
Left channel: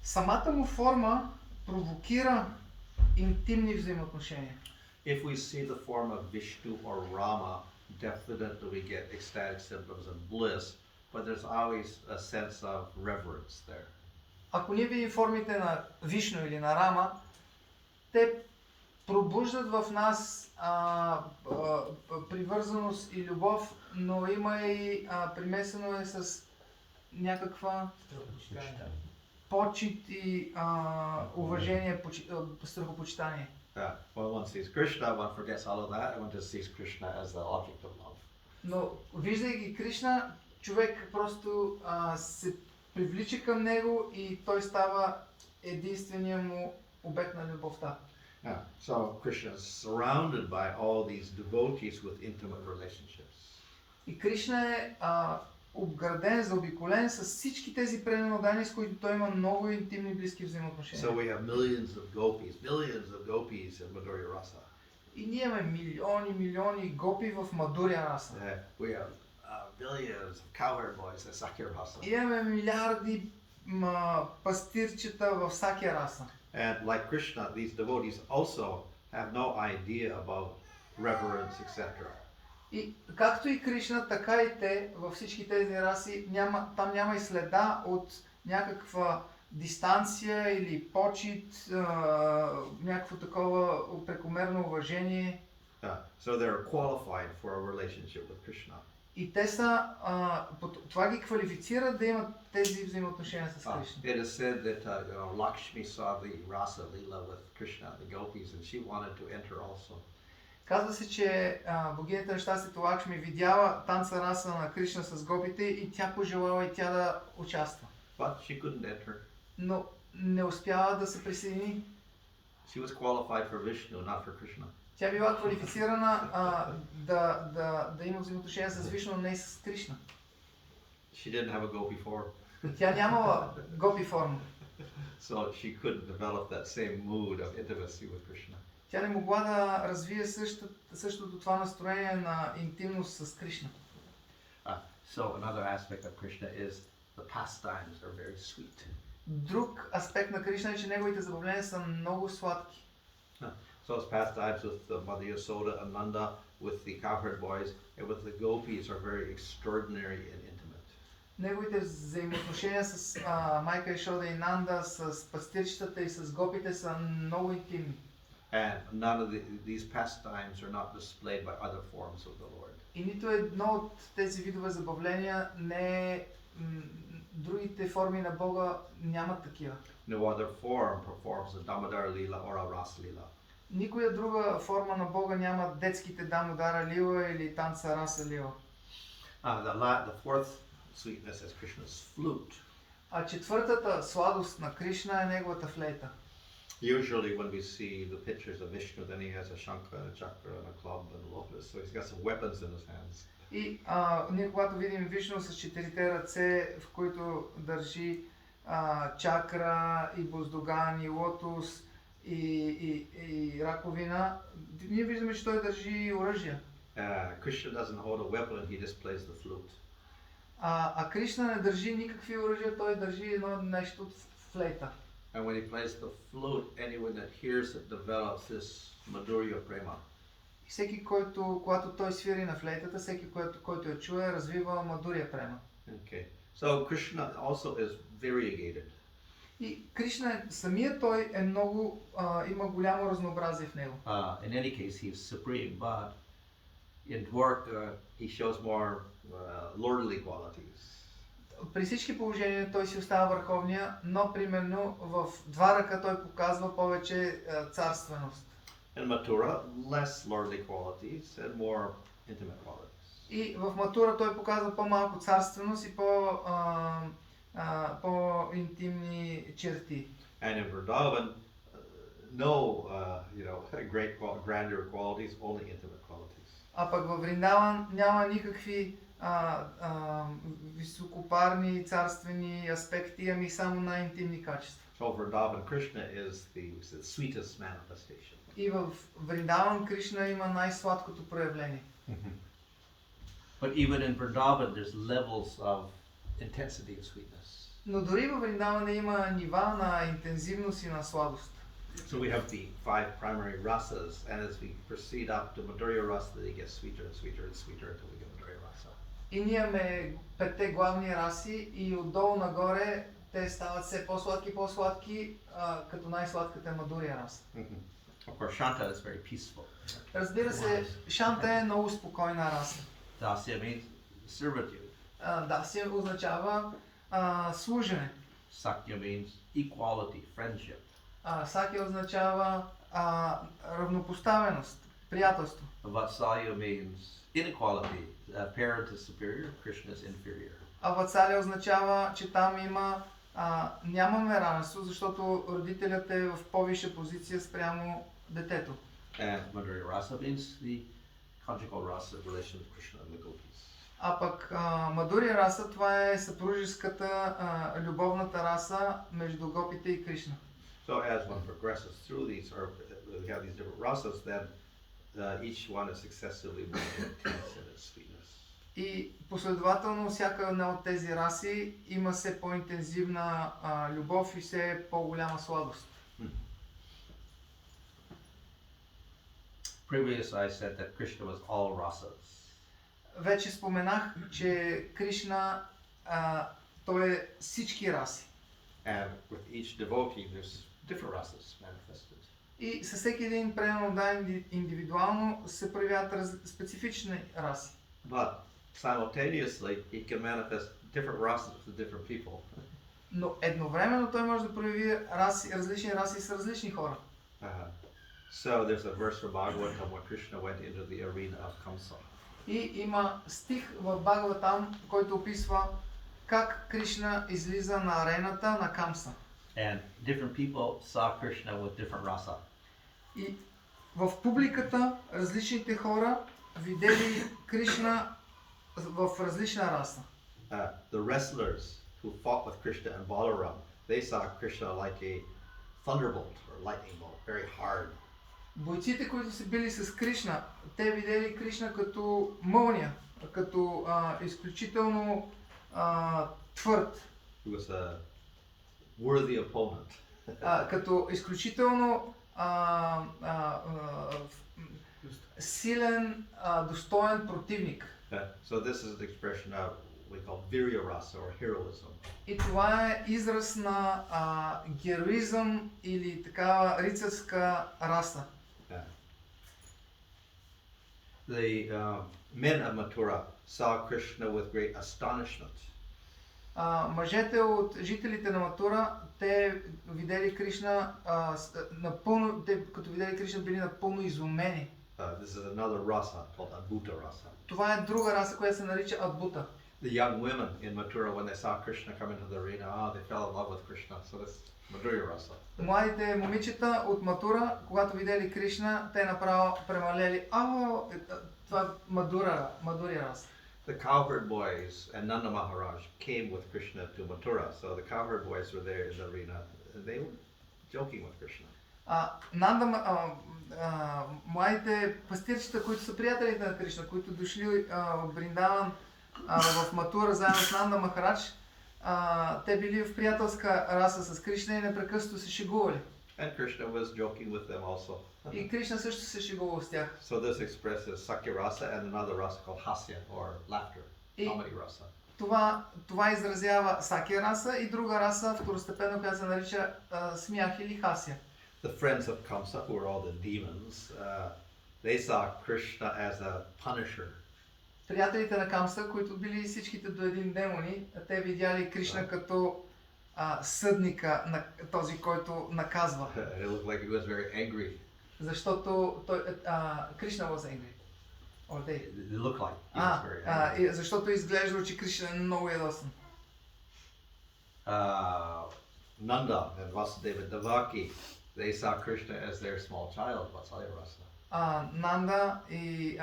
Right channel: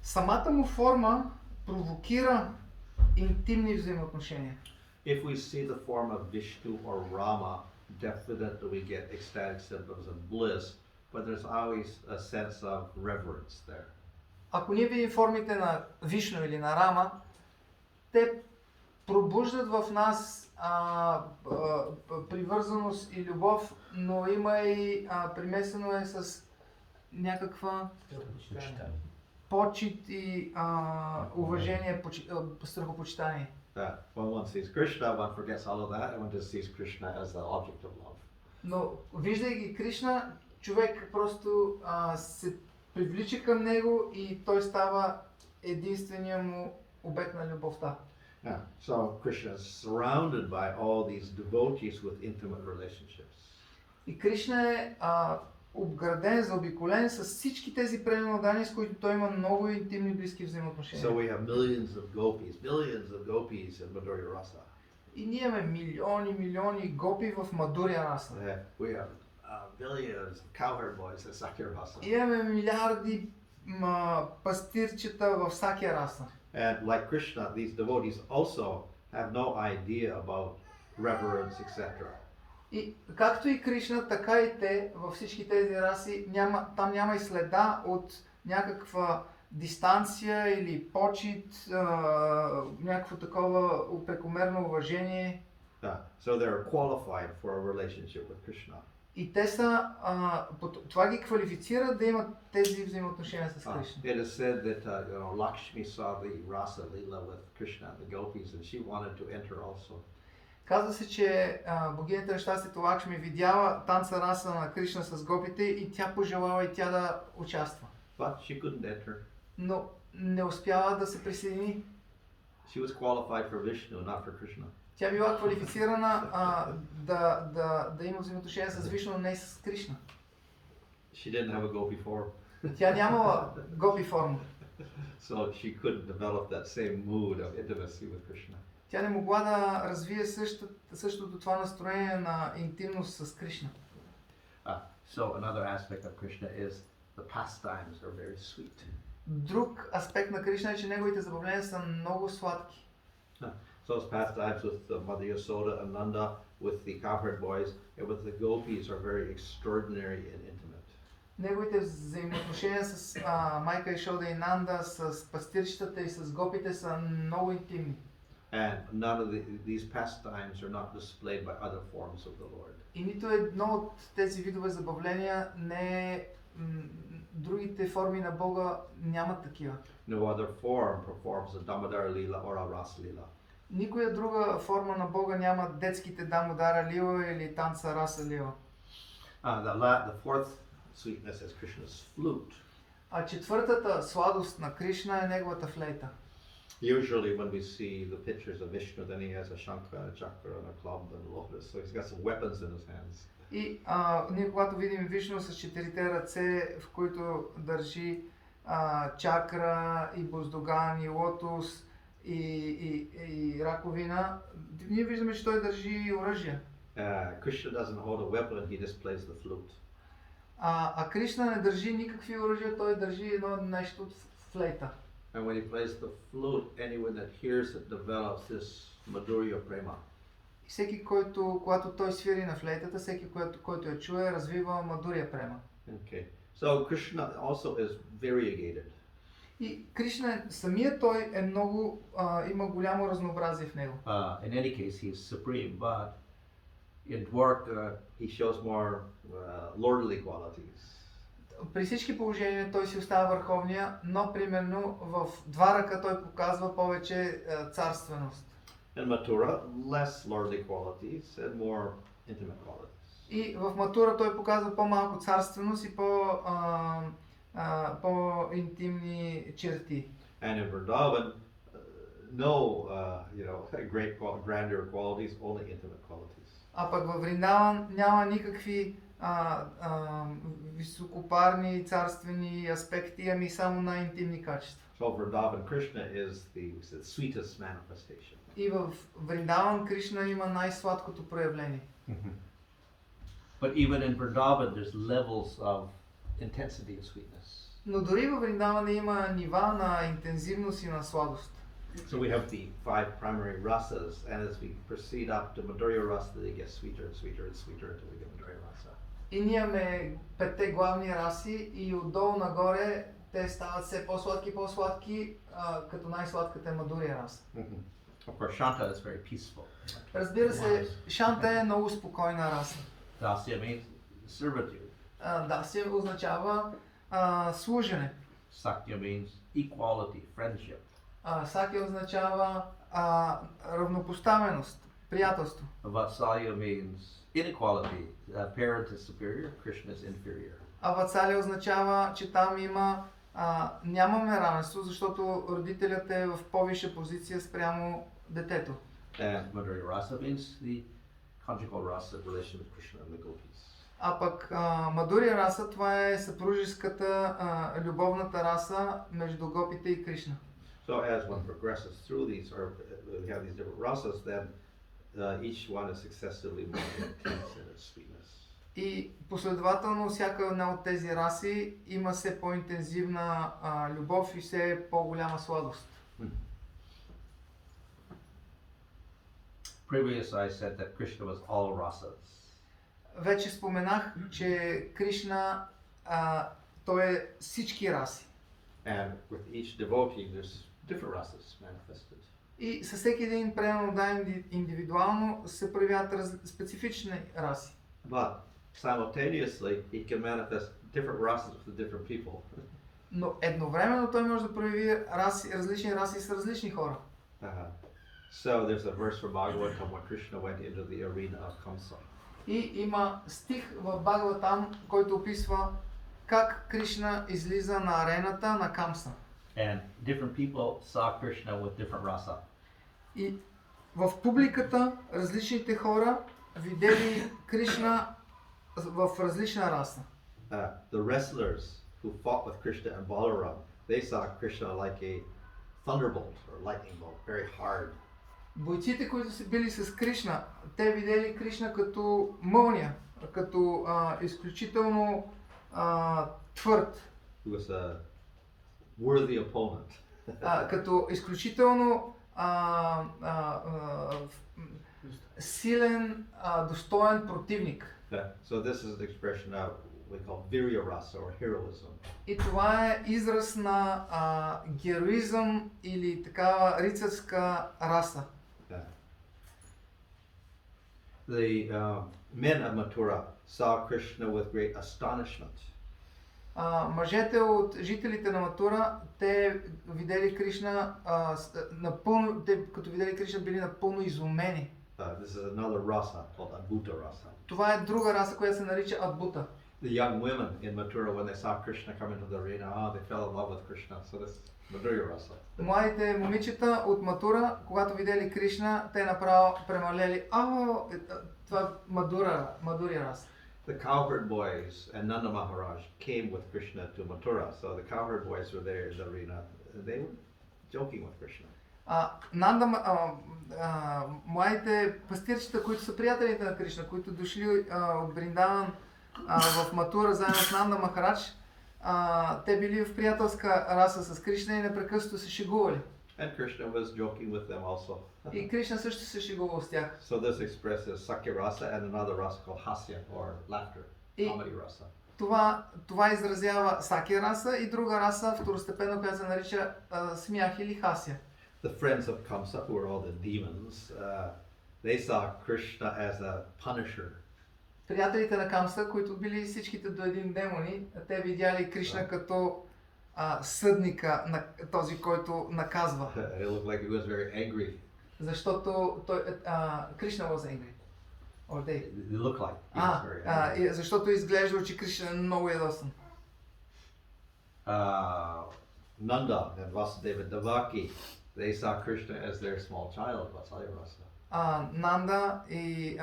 Самата му форма провокира интимни взаимоотношения. If we see the form of Vishnu or Rama, definitely we get ecstatic symptoms of bliss, but there's always a sense of reverence there. Ако ние видим формите на Вишну или на Рама, те пробуждат в нас привързаност и любов, но има и примесено е с някаква почит и уважение, страхопочитание. When one sees Krishna, one forgets all of that, and one just sees Krishna as the object of love. Но виждайки Кришна, човек просто се привлича към него и той става единствения му обект на любовта. So Krishna is surrounded by all these devotees with intimate relationships. И Кришна е обграден, заобиколен с всички тези преданни, с които той има много интимни близки взаимоотношения. So we have millions of gopis in Madhurya Rasa. И ние имаме милиони гопи в Мадуря Раса. We have billions of cowherd boys in Sakya Rasa. И имаме милиарди пастирчета в Сакя Раса. And like Krishna, these devotees also have no idea about reverence, etc. И както и Кришна, така и те във всички тези раси там няма и следа от някаква дистанция или почит, някакво такова прекомерно уважение. So they're qualified for a relationship with Krishna. И те са, това ги квалифицира да имат тези взаимоотношения с Кришна. It is said that Lakshmi saw the Rasa Leela with Krishna, the gopis, and she wanted to enter also. Казва се, че богинята на щастието Лакшми видяла танца Раса на Кришна с гопите и тя пожелала и тя да участва. But she couldn't enter. Но не успява да се присъедини. She was qualified for Vishnu, not for Krishna. Тя била квалифицирана да има взаимоотношения с Вишну, но не с Кришна. She didn't have a gopi form. Тя нямала гопи форма. So she couldn't develop that same mood of intimacy with Krishna. Тя не могла да развие същото това настроение на интимност с Кришна. So another aspect of Krishna is the pastimes are very sweet. Друг аспект на Кришна е, че неговите забавления са много сладки. So his pastimes with Mother Yasoda and Nanda, with the cowherd boys, and with the gopis are very extraordinary and intimate. Неговите взаимоотношения с майка Яшода и Нанда, с пастирчетата и с гопите са много интимни. And none of these pastimes are not displayed by other forms of the Lord. И нито едно от тези видове забавления не е, другите форми на Бога нямат такива. No other form performs a Damodar Lila or a Ras Lila. Никоя друга форма на Бога няма детските Дамодара Лила или танца Раса Лила. The fourth sweetness is Krishna's flute. А четвъртата сладост на Кришна е неговата флейта. Usually when we see the pictures of Vishnu, then he has a shankha and a chakra and a club and a lotus, so he's got some weapons in his hands. И ние когато видим Вишну с четирите ръце, в които държи чакра и боздоган и лотос и раковина, ние виждаме, че той държи оръжие. Krishna doesn't hold a weapon, he just plays the flute. А Кришна не държи никакви оръжия, той държи едно нещо от флейта. And when he plays the flute, anyone that hears it develops this madhurya prema. Всеки, когато той свири на флейтата, всеки, който я чуе, развива мадурия према. Okay. So Krishna also is variegated. И Кришна, самият той е много, има голямо разнообразие в него. In any case, he is supreme, but in Dwarka, he shows more lordly qualities. При всички положения той си остава върховния, но примерно в Дварака той показва повече царственост. In Mathura, less lordly qualities and more intimate qualities. И в Матура той показва по-малко царственост и по-интимни черти. And in Vrindavan, no, great grandeur qualities, only intimate qualities. А пък във Вриндаван няма никакви високопарни царствени аспекти, ами само най-интимни качества. So Vrindavan Krishna is the sweetest manifestation. И в Вриндаван Кришна има най-сладкото проявление. But even in Vrindavan there's levels of intensity and sweetness. Но дори във Вриндаван има нива на интензивност и на сладост. So we have the 5 primary rasas, and as we proceed up to Madhurya Rasa, they get sweeter and sweeter and sweeter until we get Madhurya Rasa. И ние имаме 5 главни раси и отдолу нагоре те стават все по-сладки, като най-сладката е Мадурия раса. Of course, Shanta is very peaceful. Разбира се, Шанта е много спокойна раса. Dasya means servitude. Дасия означава служене. Sakya means equality, friendship. Сакя означава равнопоставеност, приятелство. Vatsalya means inequality. Parent is superior, Krishna is inferior. А Ватсалия означава, че там нямаме равенство, защото родителят е в по-висша позиция спрямо детето. And Madhurya Rasa means the conjugal rasa relation of Krishna and the gopis. А пък Мадурия раса, това е съпружеската, любовната раса между гопите и Кришна. So as one progresses through these, or we have these different rasas, then each one is successively more intense in its sweetness. И последователно всяка една от тези раси има все по-интензивна любов и все по-голяма сладост. Previously I said that Krishna was all rasas. Вече споменах, че Кришна той е всички раси. And with each devotee, there's different rasas manifested. И със всеки един примерно индивидуално се проявяват специфични раси. But simultaneously, he can manifest different rasas for different people. Но едновременно той може да прояви различни раси с различни хора. So there's a verse from Bhagavatam when Krishna went into the arena of Kamsa. И има стих в Бхагаватам, който описва как Кришна излиза на арената на Камса. And different people saw Krishna with different rasa. И в публиката различните хора видели Кришна в различна раса. The wrestlers who fought with Krishna and Balaram, they saw Krishna like a thunderbolt or lightning bolt, very hard. Бойците, които са били с Кришна, те видели Кришна като мълния, като изключително твърд. He was a worthy opponent. Като изключително силен, достоен противник. So this is an expression of we call virya rasa or heroism. И това е израз на героизъм или такава рицарска раса. The men of Mathura saw Krishna with great astonishment. Мъжете от жителите на Матура, те видели Кришна напълно, като видели Кришна били напълно изумени. This is another rasa called Adbhuta rasa. Това е друга раса, която се нарича Адбута. The young women in Mathura, when they saw Krishna come into the arena, they fell in love with Krishna. So this Madhurya rasa. Младите момичета от Матура, когато видели Кришна, те направо премалели. Това Мадуря раса. The cowherd boys and Nanda Maharaj came with Krishna to Mathura. So the cowherd boys were there in the arena, and they were joking with Krishna. Младите пастирчета, които са приятелите на Кришна, които дошли от Бриндаван в Матура заедно с Нанда Махарадж, те били в приятелска раса с Кришна и непрекъснато се шегували. And Krishna was joking with them also. И Кришна също се шегувал с тях. So this expresses Sakya rasa and another rasa called Hasya or laughter, comedy rasa. Това изразява Сакя раса и друга раса, второстепенна, която се нарича смях или хасия. The friends of Kamsa, who were all the demons, they saw Krishna as a punisher. Приятелите на Камса, които били всичките до един демони, те видяли Кришна като съдника на този, който наказва. It looked like he was very angry. Защото Кришна was angry. Or they. It looked like he was very angry. Защото изглежда, че Кришна е много ядосан. Nanda and Vasudeva Devaki, they saw Krishna as their small child, Vatsalya rasa. Нанда и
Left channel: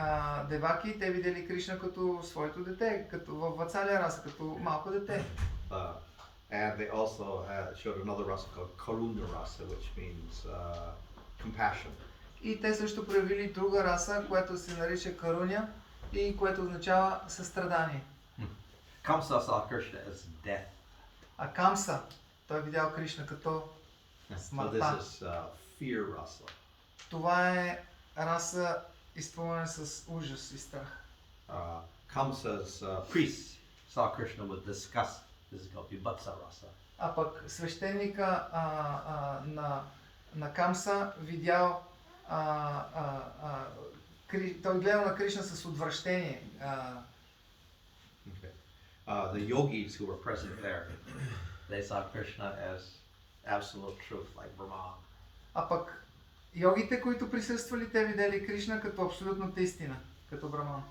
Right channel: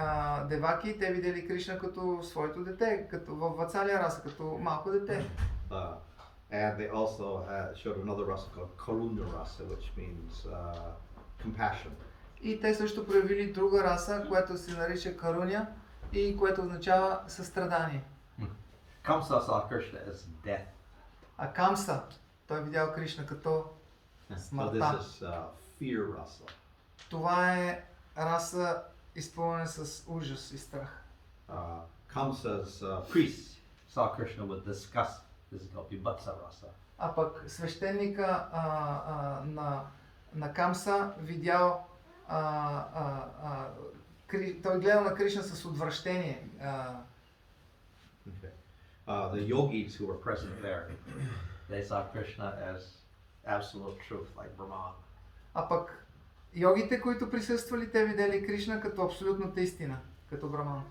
Деваки, те видели Кришна като своето дете, като в Вацалия раса, като малко дете. And they also showed another rasa called Karuna rasa, which means compassion. И те също проявили друга раса, която се нарича Каруня и което означава състрадание. Kamsa saw Krishna as death. А Камса, той видял Кришна като смъртта. So this is fear rasa. Това е раса изпълнена с ужас и страх. Kamsa's priests saw Krishna with disgust. This is called Vibhatsa rasa. А пък свещеника на Камса видял, той гледал на Кришна с отвращение. The yogis who were present there, they saw Krishna as absolute truth, like Brahman. А пък йогите, които присъствали, те видели Кришна като абсолютната истина, като Браман.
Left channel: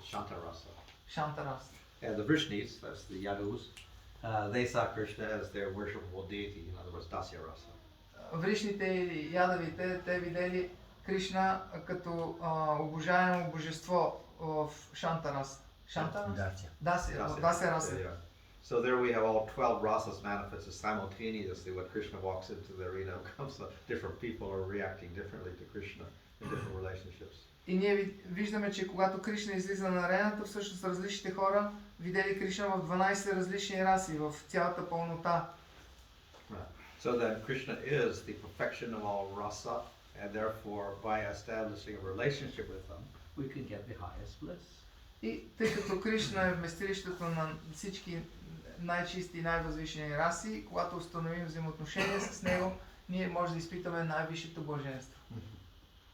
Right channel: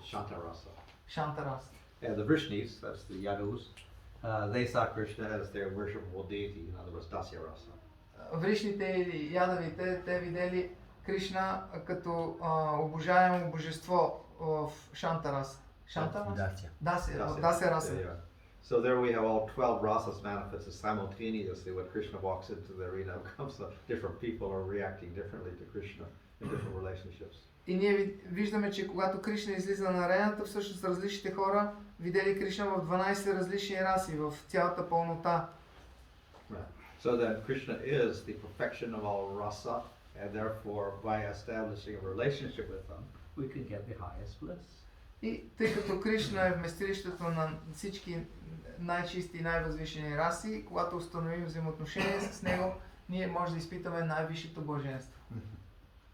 Shanta rasa. Шанта раса. And the Vrishnis, that's the Yadus, they saw Krishna as their worshipable deity, in other words, Dasya rasa. Вришните или ядавите, те видели Кришна като обожаемо божество в Шанта раса. Шанта раса? Дасya раса. So there we have all 12 rasas manifested simultaneously when Krishna walks into the arena of Kamsa. Different people are reacting differently to Krishna in different relationships. И ние виждаме, че когато Кришна излиза на арената, всъщност различните хора видели Кришна в 12 различни раси, в цялата пълнота. So then Krishna is the perfection of all rasa, and therefore by establishing a relationship with him, we can get the highest bliss. И тъй като Кришна е вместилището на всички най-чисти и най-възвишени раси, когато установим взаимоотношения с него, ние може да изпитаме най-висшето блаженство.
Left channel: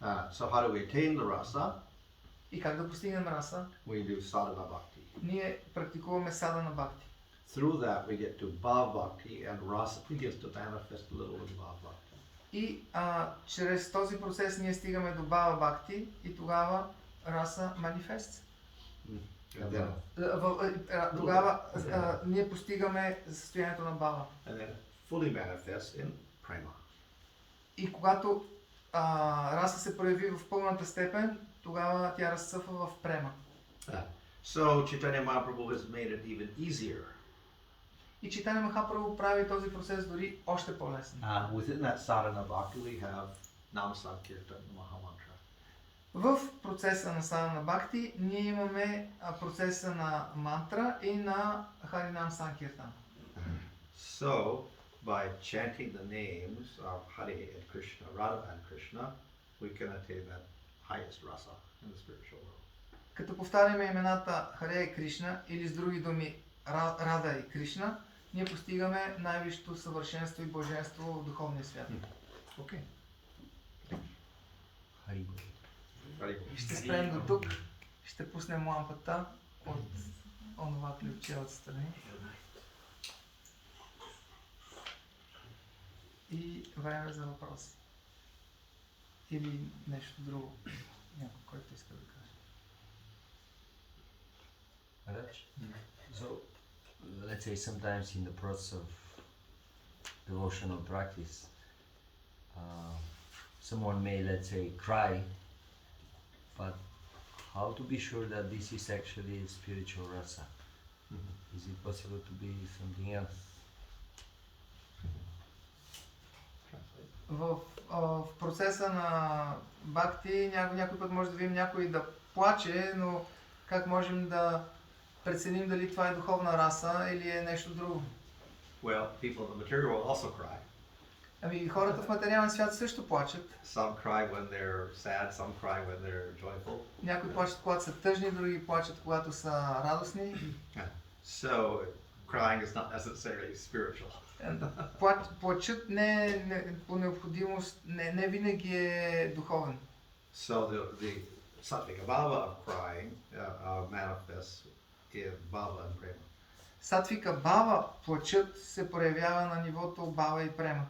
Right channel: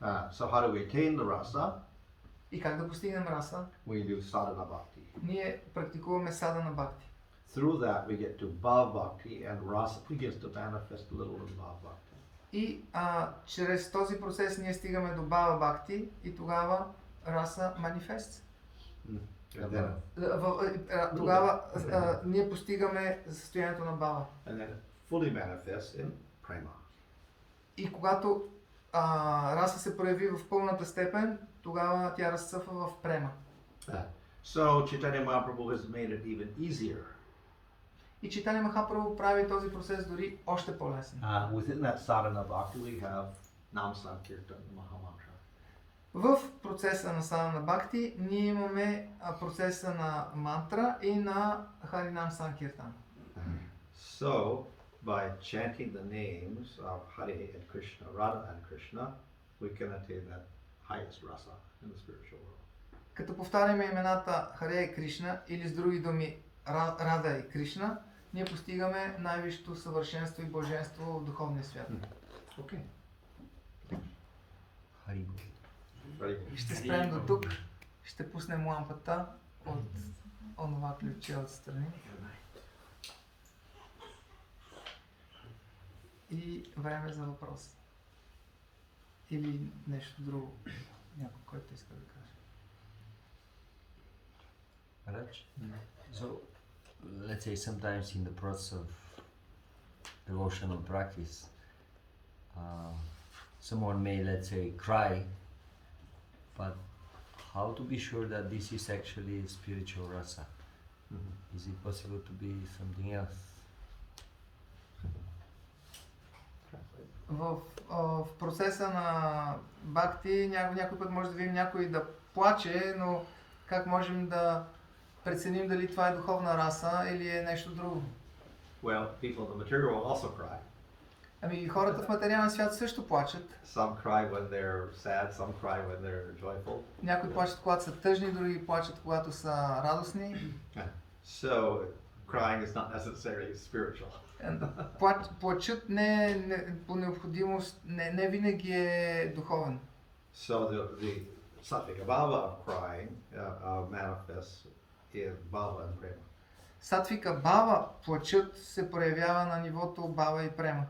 So how do we attain the rasa? И как да постигнем раса? We do sadhana bhakti. Ние практикуваме садана бхакти. Through that we get to bhava bhakti, and rasa begins to manifest a little in bhava bhakti. И чрез този процес ние стигаме до бава бхакти и тогава раса манифест. And then, Тогава ние постигаме състоянието на бава. and then it fully manifests in prema. И когато раса се прояви в пълната степен, тогава тя разцъфва в према. So Chaitanya Mahaprabhu has made it even easier. И Чайтаня Махапрабху прави този процес дори още по-лесен. Within that sadhana bhakti we have Nam Sankirtan Mahamantra. В процеса на садана бхакти ние имаме процеса на мантра и на Харинам Санкиртан. So by chanting the names of Hare and Krishna, Radha and Krishna, we can attain that highest rasa in the spiritual world. Като повтаряме имената Харе и Кришна или с други думи Рада и Кришна, ние постигаме най-висшето съвършенство и блаженство в духовния свят. Okay. Ще спрем до тук. Ще пуснем лампата от онова ключе отстрани. И време за въпрос. Или нещо друго. Някой, който иска да каже. So, let's say sometimes in the process of devotional practice, someone may, let's say, cry, but how to be sure that this is actually spiritual rasa? Is it possible to be something else? В процеса на бхакти някой път може да видим някой да плаче, но как можем да преценим дали това е духовна раса или е нещо друго? Well, people in the material world also cry. Ами хората в материалния свят също плачат. Some cry when they're sad, some cry when they're joyful. Някои плачат, когато са тъжни, други плачат, когато са радостни. So crying is not necessarily spiritual. Плачът не по необходимост, не винаги е духовен. So the sattvic bhava of crying manifests in bhava and prema. Сатвика бава, плачът се проявява на нивото бава и према.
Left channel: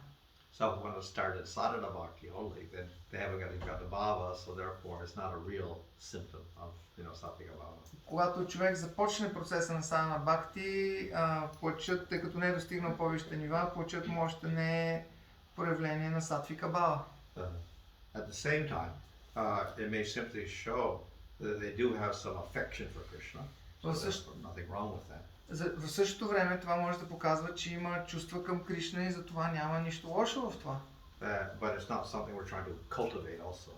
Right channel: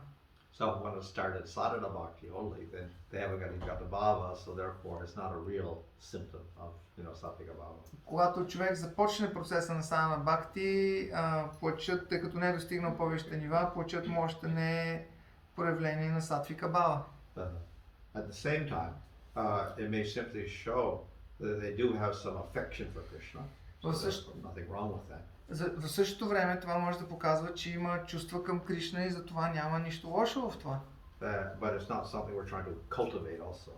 So when it started sadhana bhakti only, then they haven't got the bhava, so therefore it's not a real symptom of, sattvic bhava. Когато човек започне процеса на садана бхакти, плачът, тъй като не е достигнал повечето нива, плачът му още не е проявление на сатвика бава. At the same time, it may simply show that they do have some affection for Krishna. So there's nothing wrong with that. В същото време това може да показва, че има чувства към Кришна и затова няма нищо лошо в това. But it's not something we're trying to cultivate also.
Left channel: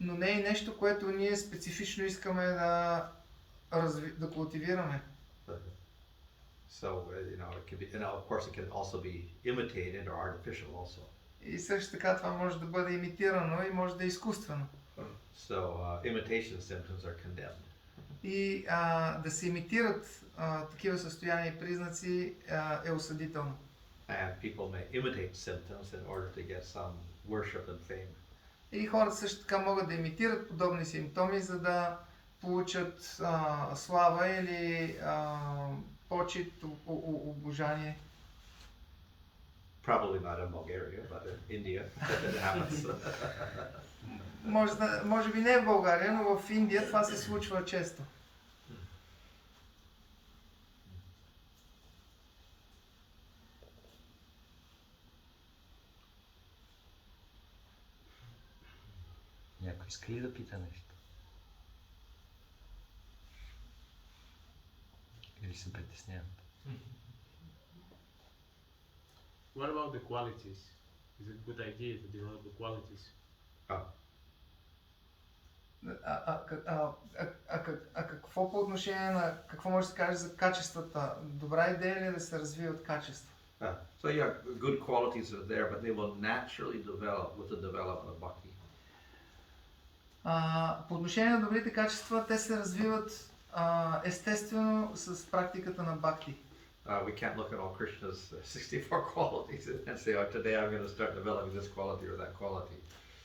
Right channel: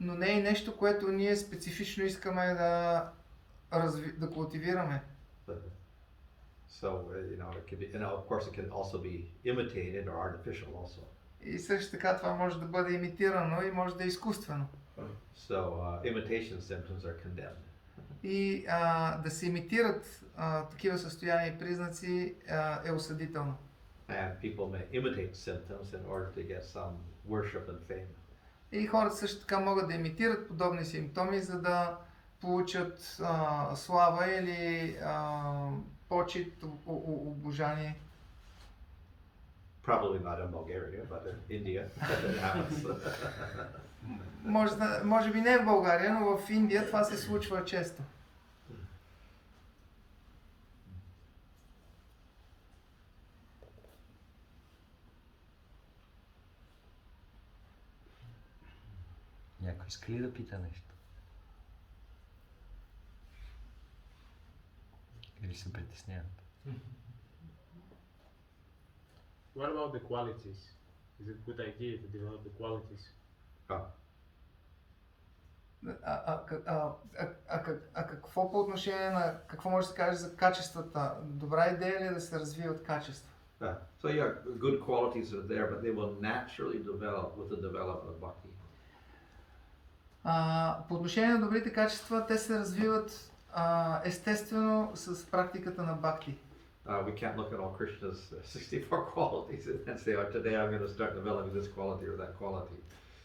Но не е нещо, което ние специфично искаме да култивираме. So, it can be, and of course it can also be imitated or artificial also. И също така това може да бъде имитирано и може да е изкуствено. So, imitation symptoms are condemned. И да се имитират такива състояния и признаци е осъдително. And people may imitate symptoms in order to get some worship and fame. И хората също така могат да имитират подобни симптоми, за да получат слава или почит, обожание. Probably not in Bulgaria, but in India it happens. Може би не в България, но в Индия това се случва често. Някой иска ли да пита нещо? Или се притесняват? What about the qualities? Is it a good idea to develop the qualities? Какво по отношение на, какво може да се каже за качествата? Добра идея ли е да се развиват качества? So yeah, good qualities are there, but they will naturally develop with the development of bhakti. По отношение на добрите качества, те се развиват естествено с практиката на бхакти. We can't look at all Krishna's 64 qualities and say, oh, today I'm going to start developing this quality or that quality.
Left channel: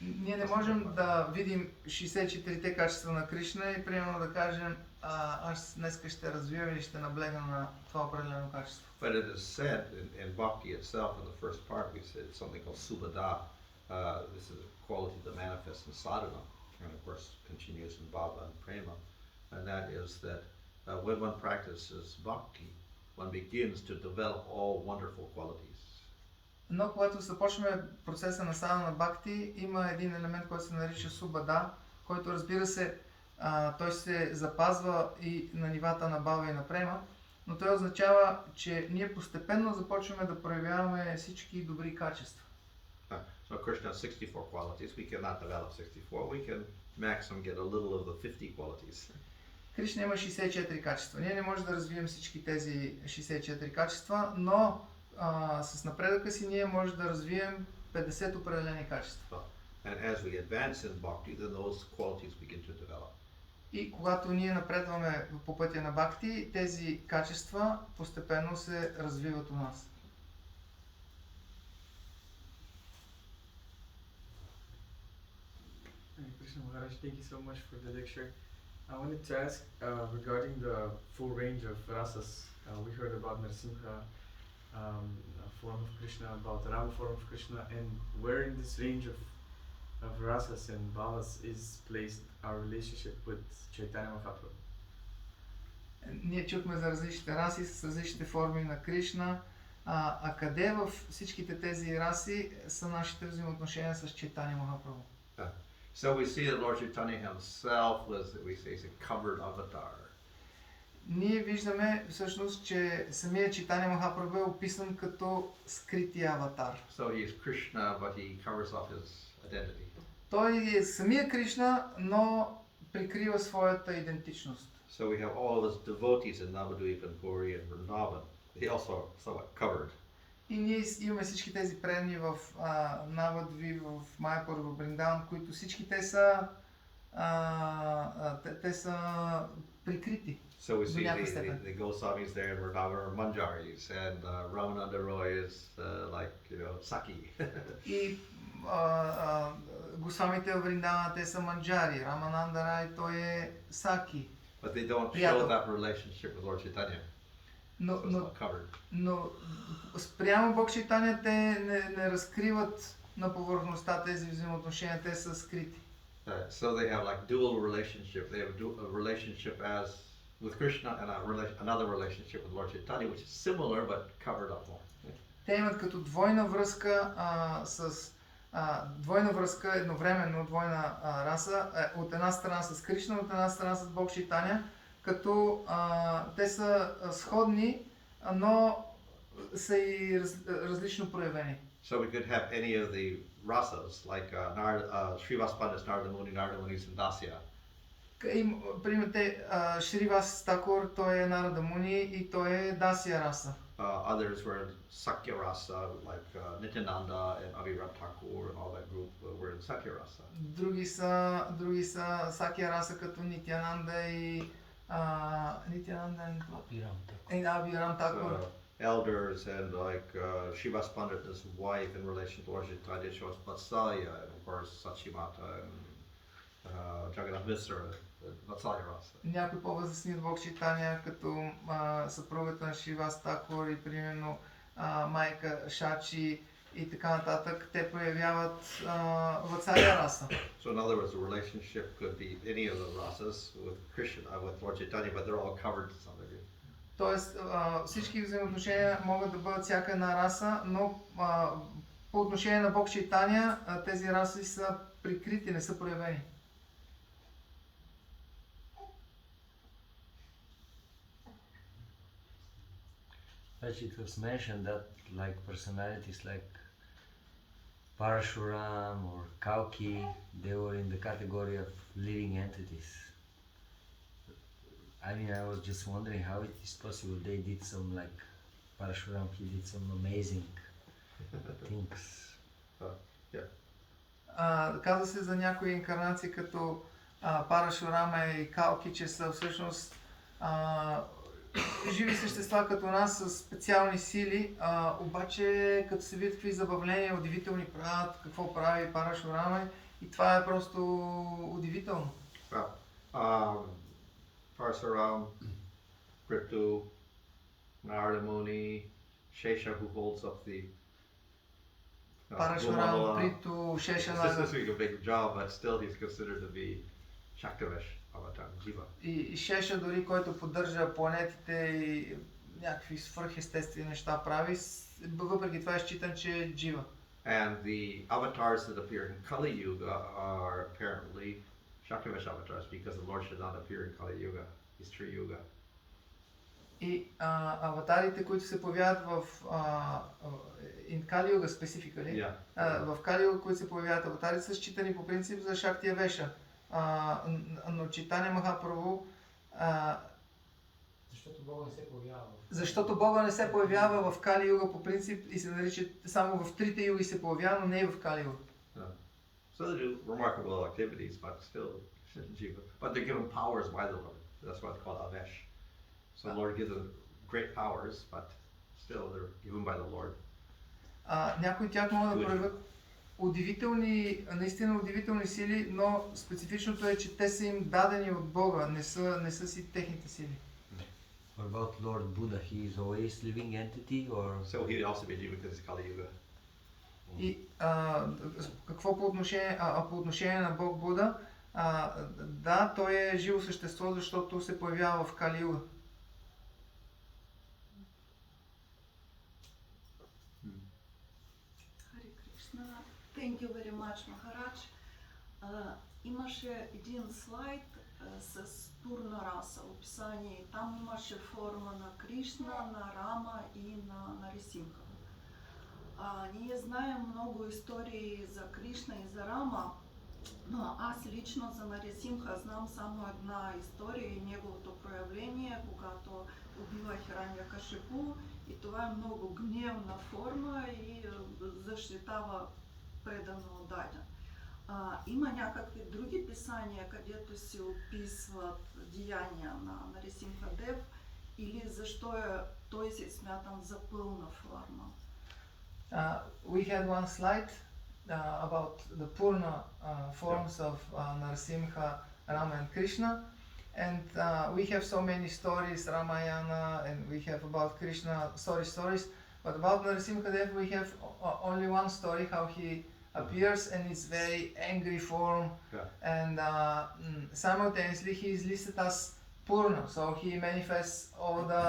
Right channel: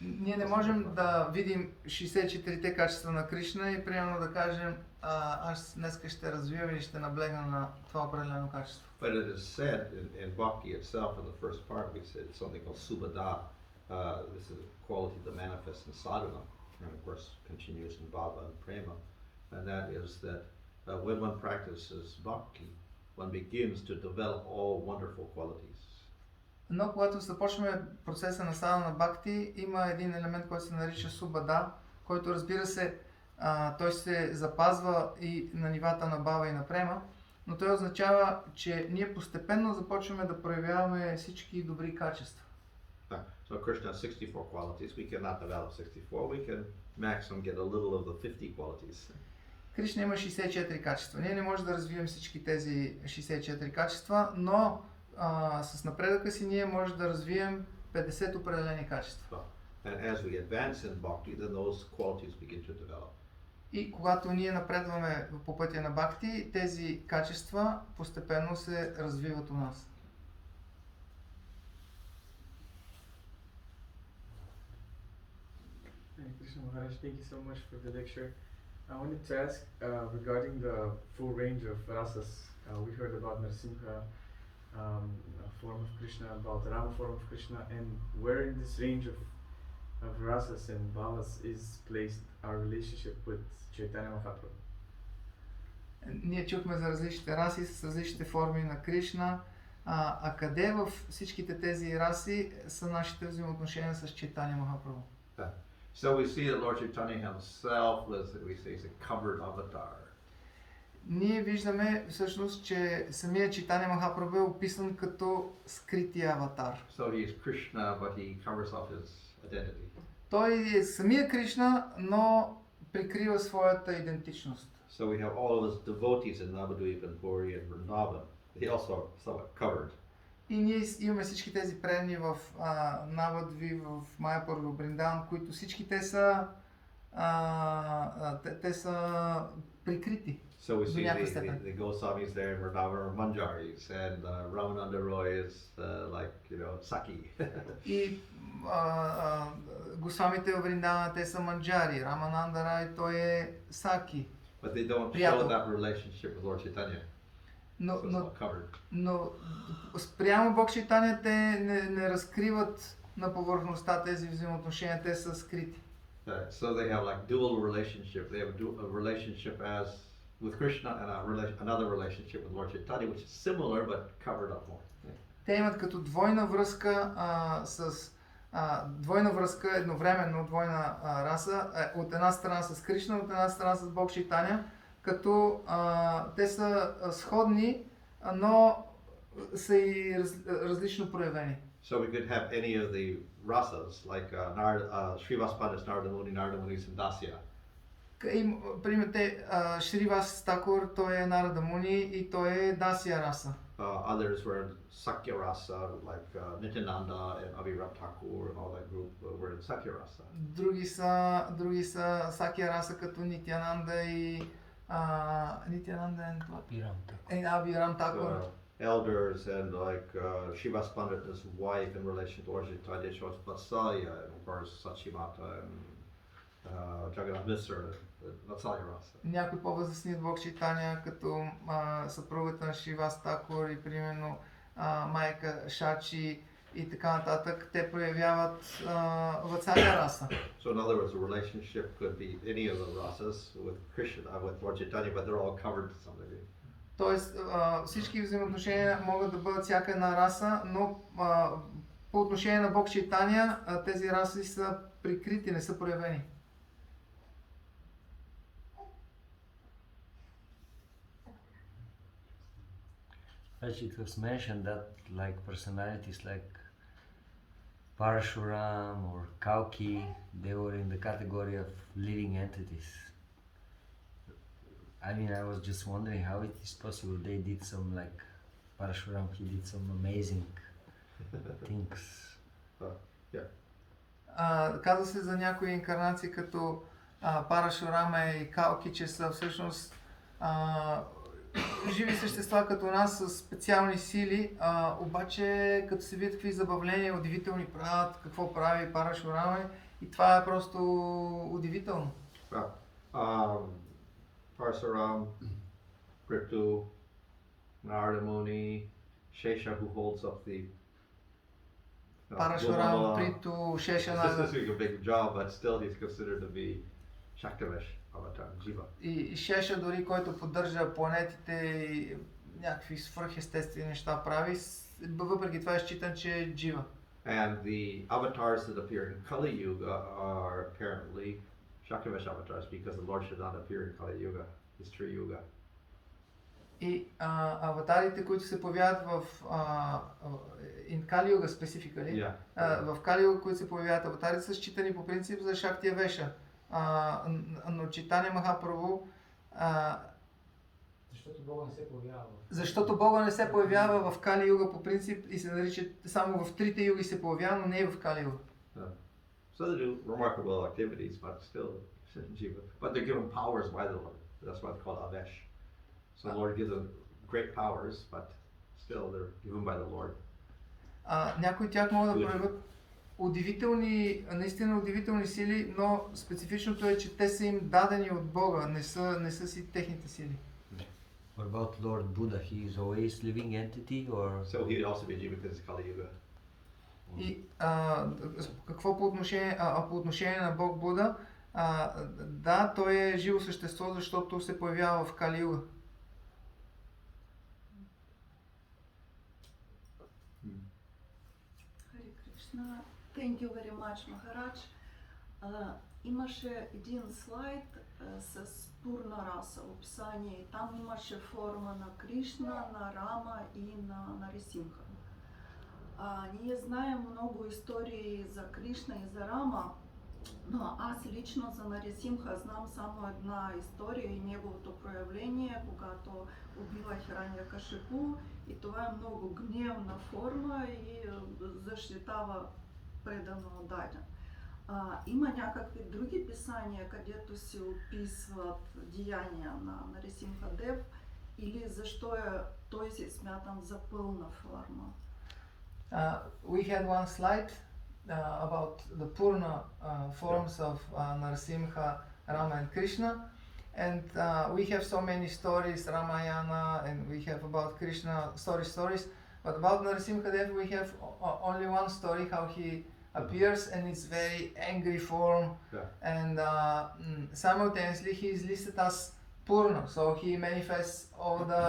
Ние не можем да видим 64-те качества на Кришна и примерно да кажем, аз днес ще развивам или ще наблегна на това определено качество. But it is said in Bhakti itself, in the first part, we said something called Subhada. This is a quality that manifests in sadhana, and of course continues in bhava and prema. And that is that when one practices Bhakti, one begins to develop all wonderful qualities. Но когато започваме процеса на садхана на бхакти, има един елемент, който се нарича субада, който разбира се, той се запазва и на нивата на бава и на према, но той означава, че ние постепенно започваме да проявяваме всички добри качества. So Krishna has 64 qualities. We cannot develop 64. We can maximum get a little of the 50 qualities. Кришна има 64 качества. Ние не можем да развием всички тези 64 качества, но с напредъка си ние можем да развием 50 определени качества. And as we advance in bhakti, then those qualities begin to develop. И когато ние напредваме по пътя на бхакти, тези качества постепенно се развиват у нас. Hare Krishna Maharaj, thank you so much for the lecture. I wanted to ask regarding the full range of rasas. We heard about Narsimha form of Krishna, about the Rama form of Krishna, and where in this range of rasas and bhavas is placed our relationship with Chaitanya Mahaprabhu? Ние чухме за различните раси с различните форми на Кришна. А къде в всичките тези раси са нашите взаимоотношения с Чайтания Махапрабху? So we see that Lord Chaitanya himself was, we say, is a covered avatar. Ние виждаме всъщност, че самия Чайтания Махапрабху е описан като скрития аватар. So he is Krishna, but he covers up his identity. Той е самия Кришна, но прикрива своята идентичност. So we have all of his devotees in Navadvip and Puri and Vrindavan. He also somewhat covered. И ние имаме всички тези преданни в Навадви, в Майяпур, в Бриндаван, които всички те са прикрити. So we see the Goswamis there in Vrindavan are Manjaris, and Ramananda Roy is like, you know, Saki. И Госвамите в Вриндаван, те са манджари, Рамананда Рай, той е Саки. But they don't show that relationship with Lord Chaitanya. Но спрямо Бог Чайтания те не разкриват на повърхността тези взаимоотношения, те са скрити. So they have like dual relationship. They have a relationship as with Krishna and another relationship with Lord Chaitanya, which is similar but covered up more. Те имат като двойна връзка двойна връзка, едновременно двойна раса, от една страна с Кришна, от една страна с Бог Чайтания, като те са сходни, но са и различно проявени. So we could have any of the rasas, like Srivas Pandit, Narada Muni, and Dasya. Примете Шривас Такур, той е Нарада Муни и той е Дасия раса. Others were Sakya Rasa, like Nityananda and Abhiram Thakur and all that group were in Sakya Rasa. Други са Сакия раса, като Нитянанда и Абхирам Такур. Elders and like Srivas Pandit and his wife in relation to Lord Chaitanya shows Vatsalya, and of course Sachimata and Jagannath Mishra, Vatsalya Rasa. Някои по-възрастни от Бог Чайтания, като съпругата на Шривас Такур и примерно майка Шачи и така нататък, те проявяват Ватсалия раса. So in other words, the relationship could be any of the rasas with Krishna, with Lord Chaitanya, but they're all covered to some degree. Тоест всички взаимоотношения могат да бъдат всяка една раса, но по отношение на Бог Чайтания тези раси са прикрити, не са проявени. As it was mentioned that like personalities like Parashuram or Kalki, they were in the category of living entities. I mean, I was just wondering how it is possible they did some, like Parashuram, he did some amazing things. Каза се за някои инкарнации като Парашурама и Калки, че са всъщност живи същества като нас с специални сили, обаче като се видят какви забавления удивителни правят, какво прави Парашурама, и това е просто удивително. Parasuram, Kritu, Narada Muni, Shesha, who holds up the Парашурам, Приту, This Шешана is doing a big job, but still he's considered to be Shaktivish avatar, Jiva. и Шеша дори, който поддържа планетите и някакви свръхестествени неща прави, въпреки това е считан, че е джива. And the avatars that appear in Kali Yuga are apparently Shaktivish avatars because the Lord should not appear in Kali Yuga, his tree Yuga. И аватарите, които се появяват в in Kali Yuga specifically, в Kali Yuga, които се появяват аватари, са считани по принцип за Шактия Веша. Но Чайтания Махапрабху, защото Бога не се появява в Кали Юга по принцип и се нарича само в трите юги се появява, но не и в Кали Юга. So they do remarkable activities, but still Jiva. But they're given powers by the Lord. That's why it's called Avesh. So the Lord gives them great powers, but still they're given by the Lord. Някои от тях могат да проявят удивителни, наистина удивителни сили, но специфичното е, че те са им дадени от Бога, не са си техните сили. What about Lord Buddha? He is always living entity, or So he would also be Jiva because it's Kali Yuga. И какво по отношение на Бог Буда? Да, той е живо същество, защото се появява в Кали Юга. Харе Кришна. Thank you very much, Maharaj. Имаше един слайд с Пурна Раса, описание. Там имаше форма на Кришна, на Рама и на Нарисимха. Ние знаем много истории за Кришна и за Рама, но аз лично за Нарисимха знам само една история и неговото проявление, когато убива Хираньякашипу, и това е много гневна форма и защитава предано Даден. Има някакви други писания, където се описват деяния на Нарисимха Дев, или защо той се смятам за пълна форма? We had one slide about the Purna forms of Narasimha, Rama and Krishna, and we have so many stories, Ramayana, and we have about Krishna stories, but about Narasimha Dev we have only one story, how he appears, and it's very angry form, and simultaneously he is listed as Purna, so he manifests all the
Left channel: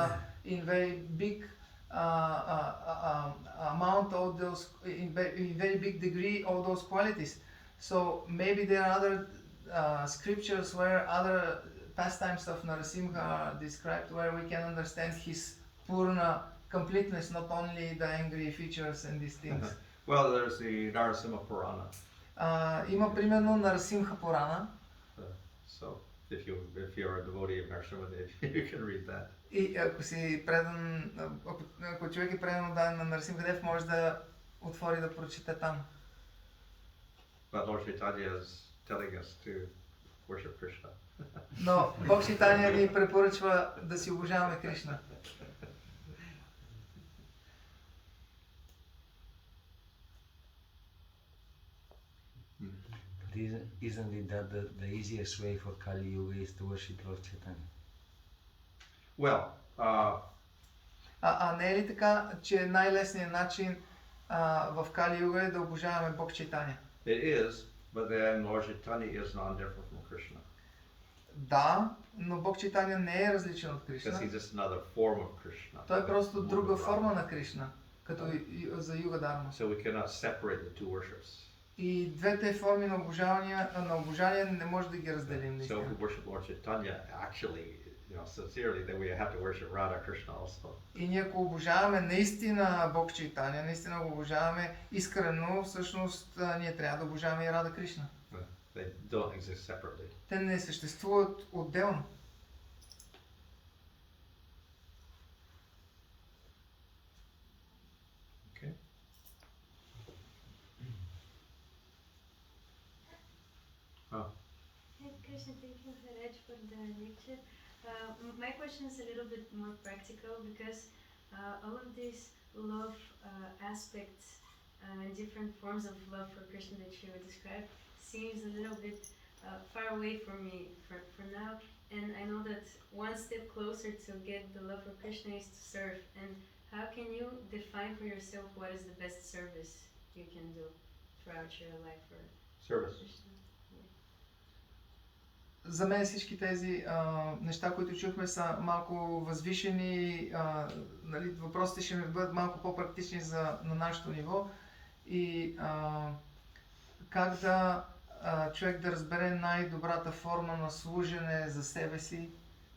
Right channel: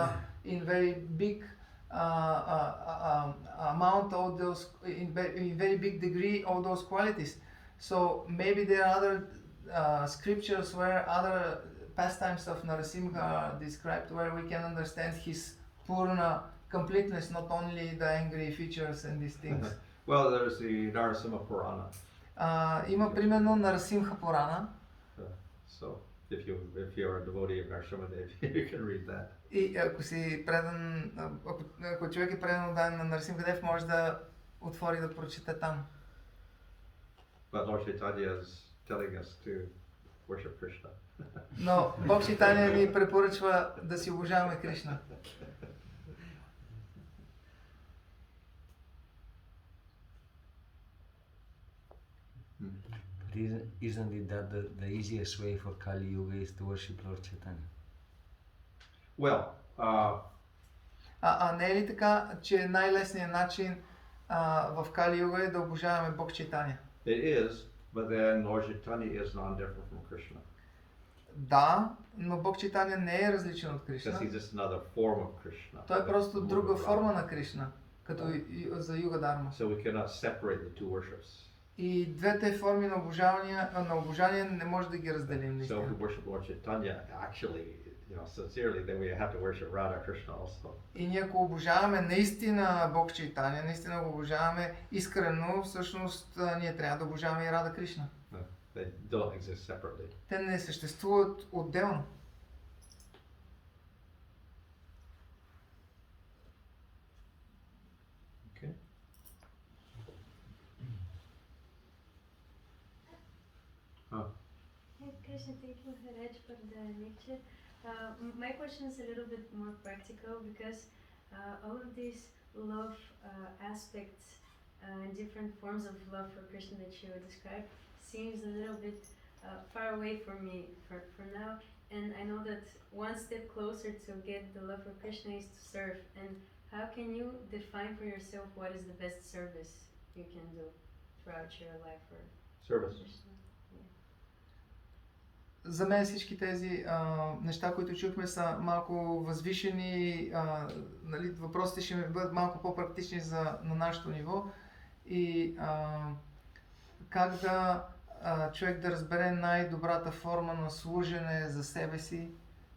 in very big amount all those in very big degree all those qualities. So maybe there are other scriptures where other pastimes of Narasimha are described, where we can understand his Purna completeness, not only the angry features and these things. Well, there's the Narasimha Purana. Има примерно Нарасимха Пурана. So if you're a devotee of Narasimha Dev, you can read that. И ако човек е предан отдаден на Нарасимха Дев, може да отвори да прочита там. But Lord Chaitanya is telling us to worship Krishna. Но Бог Чайтания ни препоръчва да си обожаваме Кришна. isn't it that the easiest way for Kali Yuga is to worship Lord Chaitanya? Well, не е ли така, че най-лесният начин в Кали Юга е да обожаваме Бог Чайтания? it is, but then Lord Chaitanya is non-different from Krishna. Да, но Бог Чайтания не е различен от Because Кришна. he's just another form of Krishna. Той е просто друга форма на Кришна, като за Юга Дарма. So we cannot separate the two worships. И двете форми на обожание не може да ги разделим. So if we worship Lord Chaitanya, actually, sincerely, then we have to worship Radha Krishna also. И ние ако обожаваме наистина Бог Чайтания, наистина го обожаваме искрено, всъщност ние трябва да обожаваме и Рада Кришна. They don't exist separately. Те не съществуват отделно. Okay. Krishna, thank you, Maharaj, for the lecture. My question is a little bit more practical because all of these love aspects and different forms of love for Krishna that you described seems a little bit far away for me for now. And I know that one step closer to get the love for Krishna is to serve. And how can you define for yourself what is the best service you can do throughout your life for Service. Krishna? За мен всички тези неща, които чухме, са малко възвишени. Нали, въпросите ще ми бъдат малко по-практични на нашето ниво. И как да човек да разбере най-добрата форма на служене за себе си,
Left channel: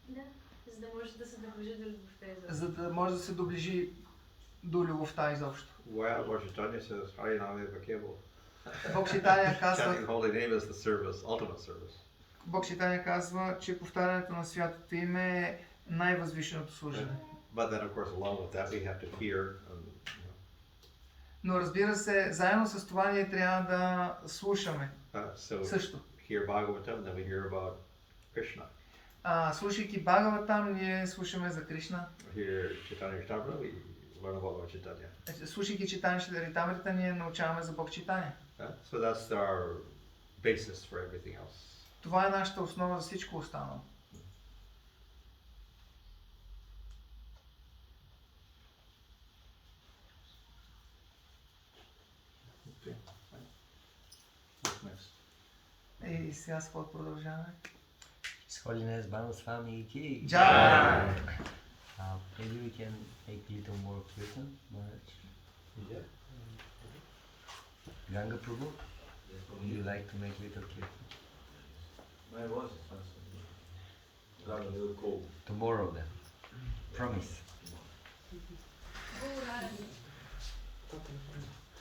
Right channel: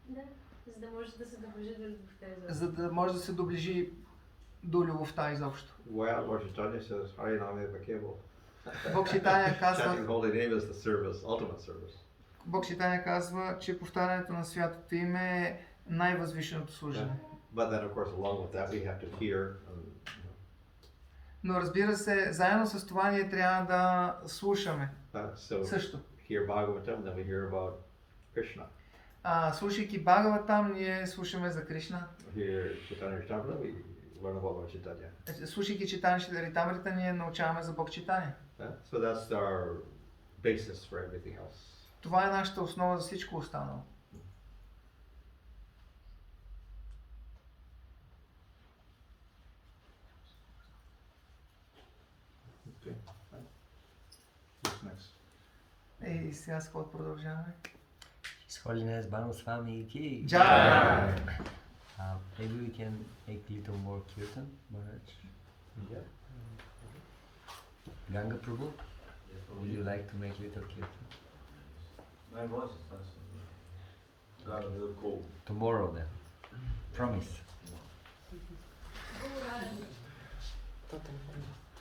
Да, за да може да се доближи до любовта изобщо. за да може да се доближи до любовта изобщо. Well, Lord Chaitanya says, Hariname Bhakebo. Бог Чайтания казва, Chanting the holy name is the service, ultimate service. Бог Чайтания казва, че повтарянето на святото име е най-възвишеното служене. But then, of course, along with that, we have to hear. Но разбира се, заедно с това ние трябва да слушаме So също. hear Bhagavatam, then we hear about Krishna. Слушайки Бхагаватам, ние слушаме за Кришна. Hear Chaitanya Charitamrita, we learn about Chaitanya. Слушайки Читания Чаритамрита, ние научаваме за Бог Читания. So that's our basis for everything else. Това е нашата основа за всичко останало. Okay. Next. И сега с какво продължаваме? His Holiness Bhanu Swami ki. Jai. Maybe we can make a little more kirtan, Maharaj. Yeah. Ganga Prabhu, would you like to make little kirtan? My voice is got a little cold. Tomorrow then. Promise. Go, Radhi.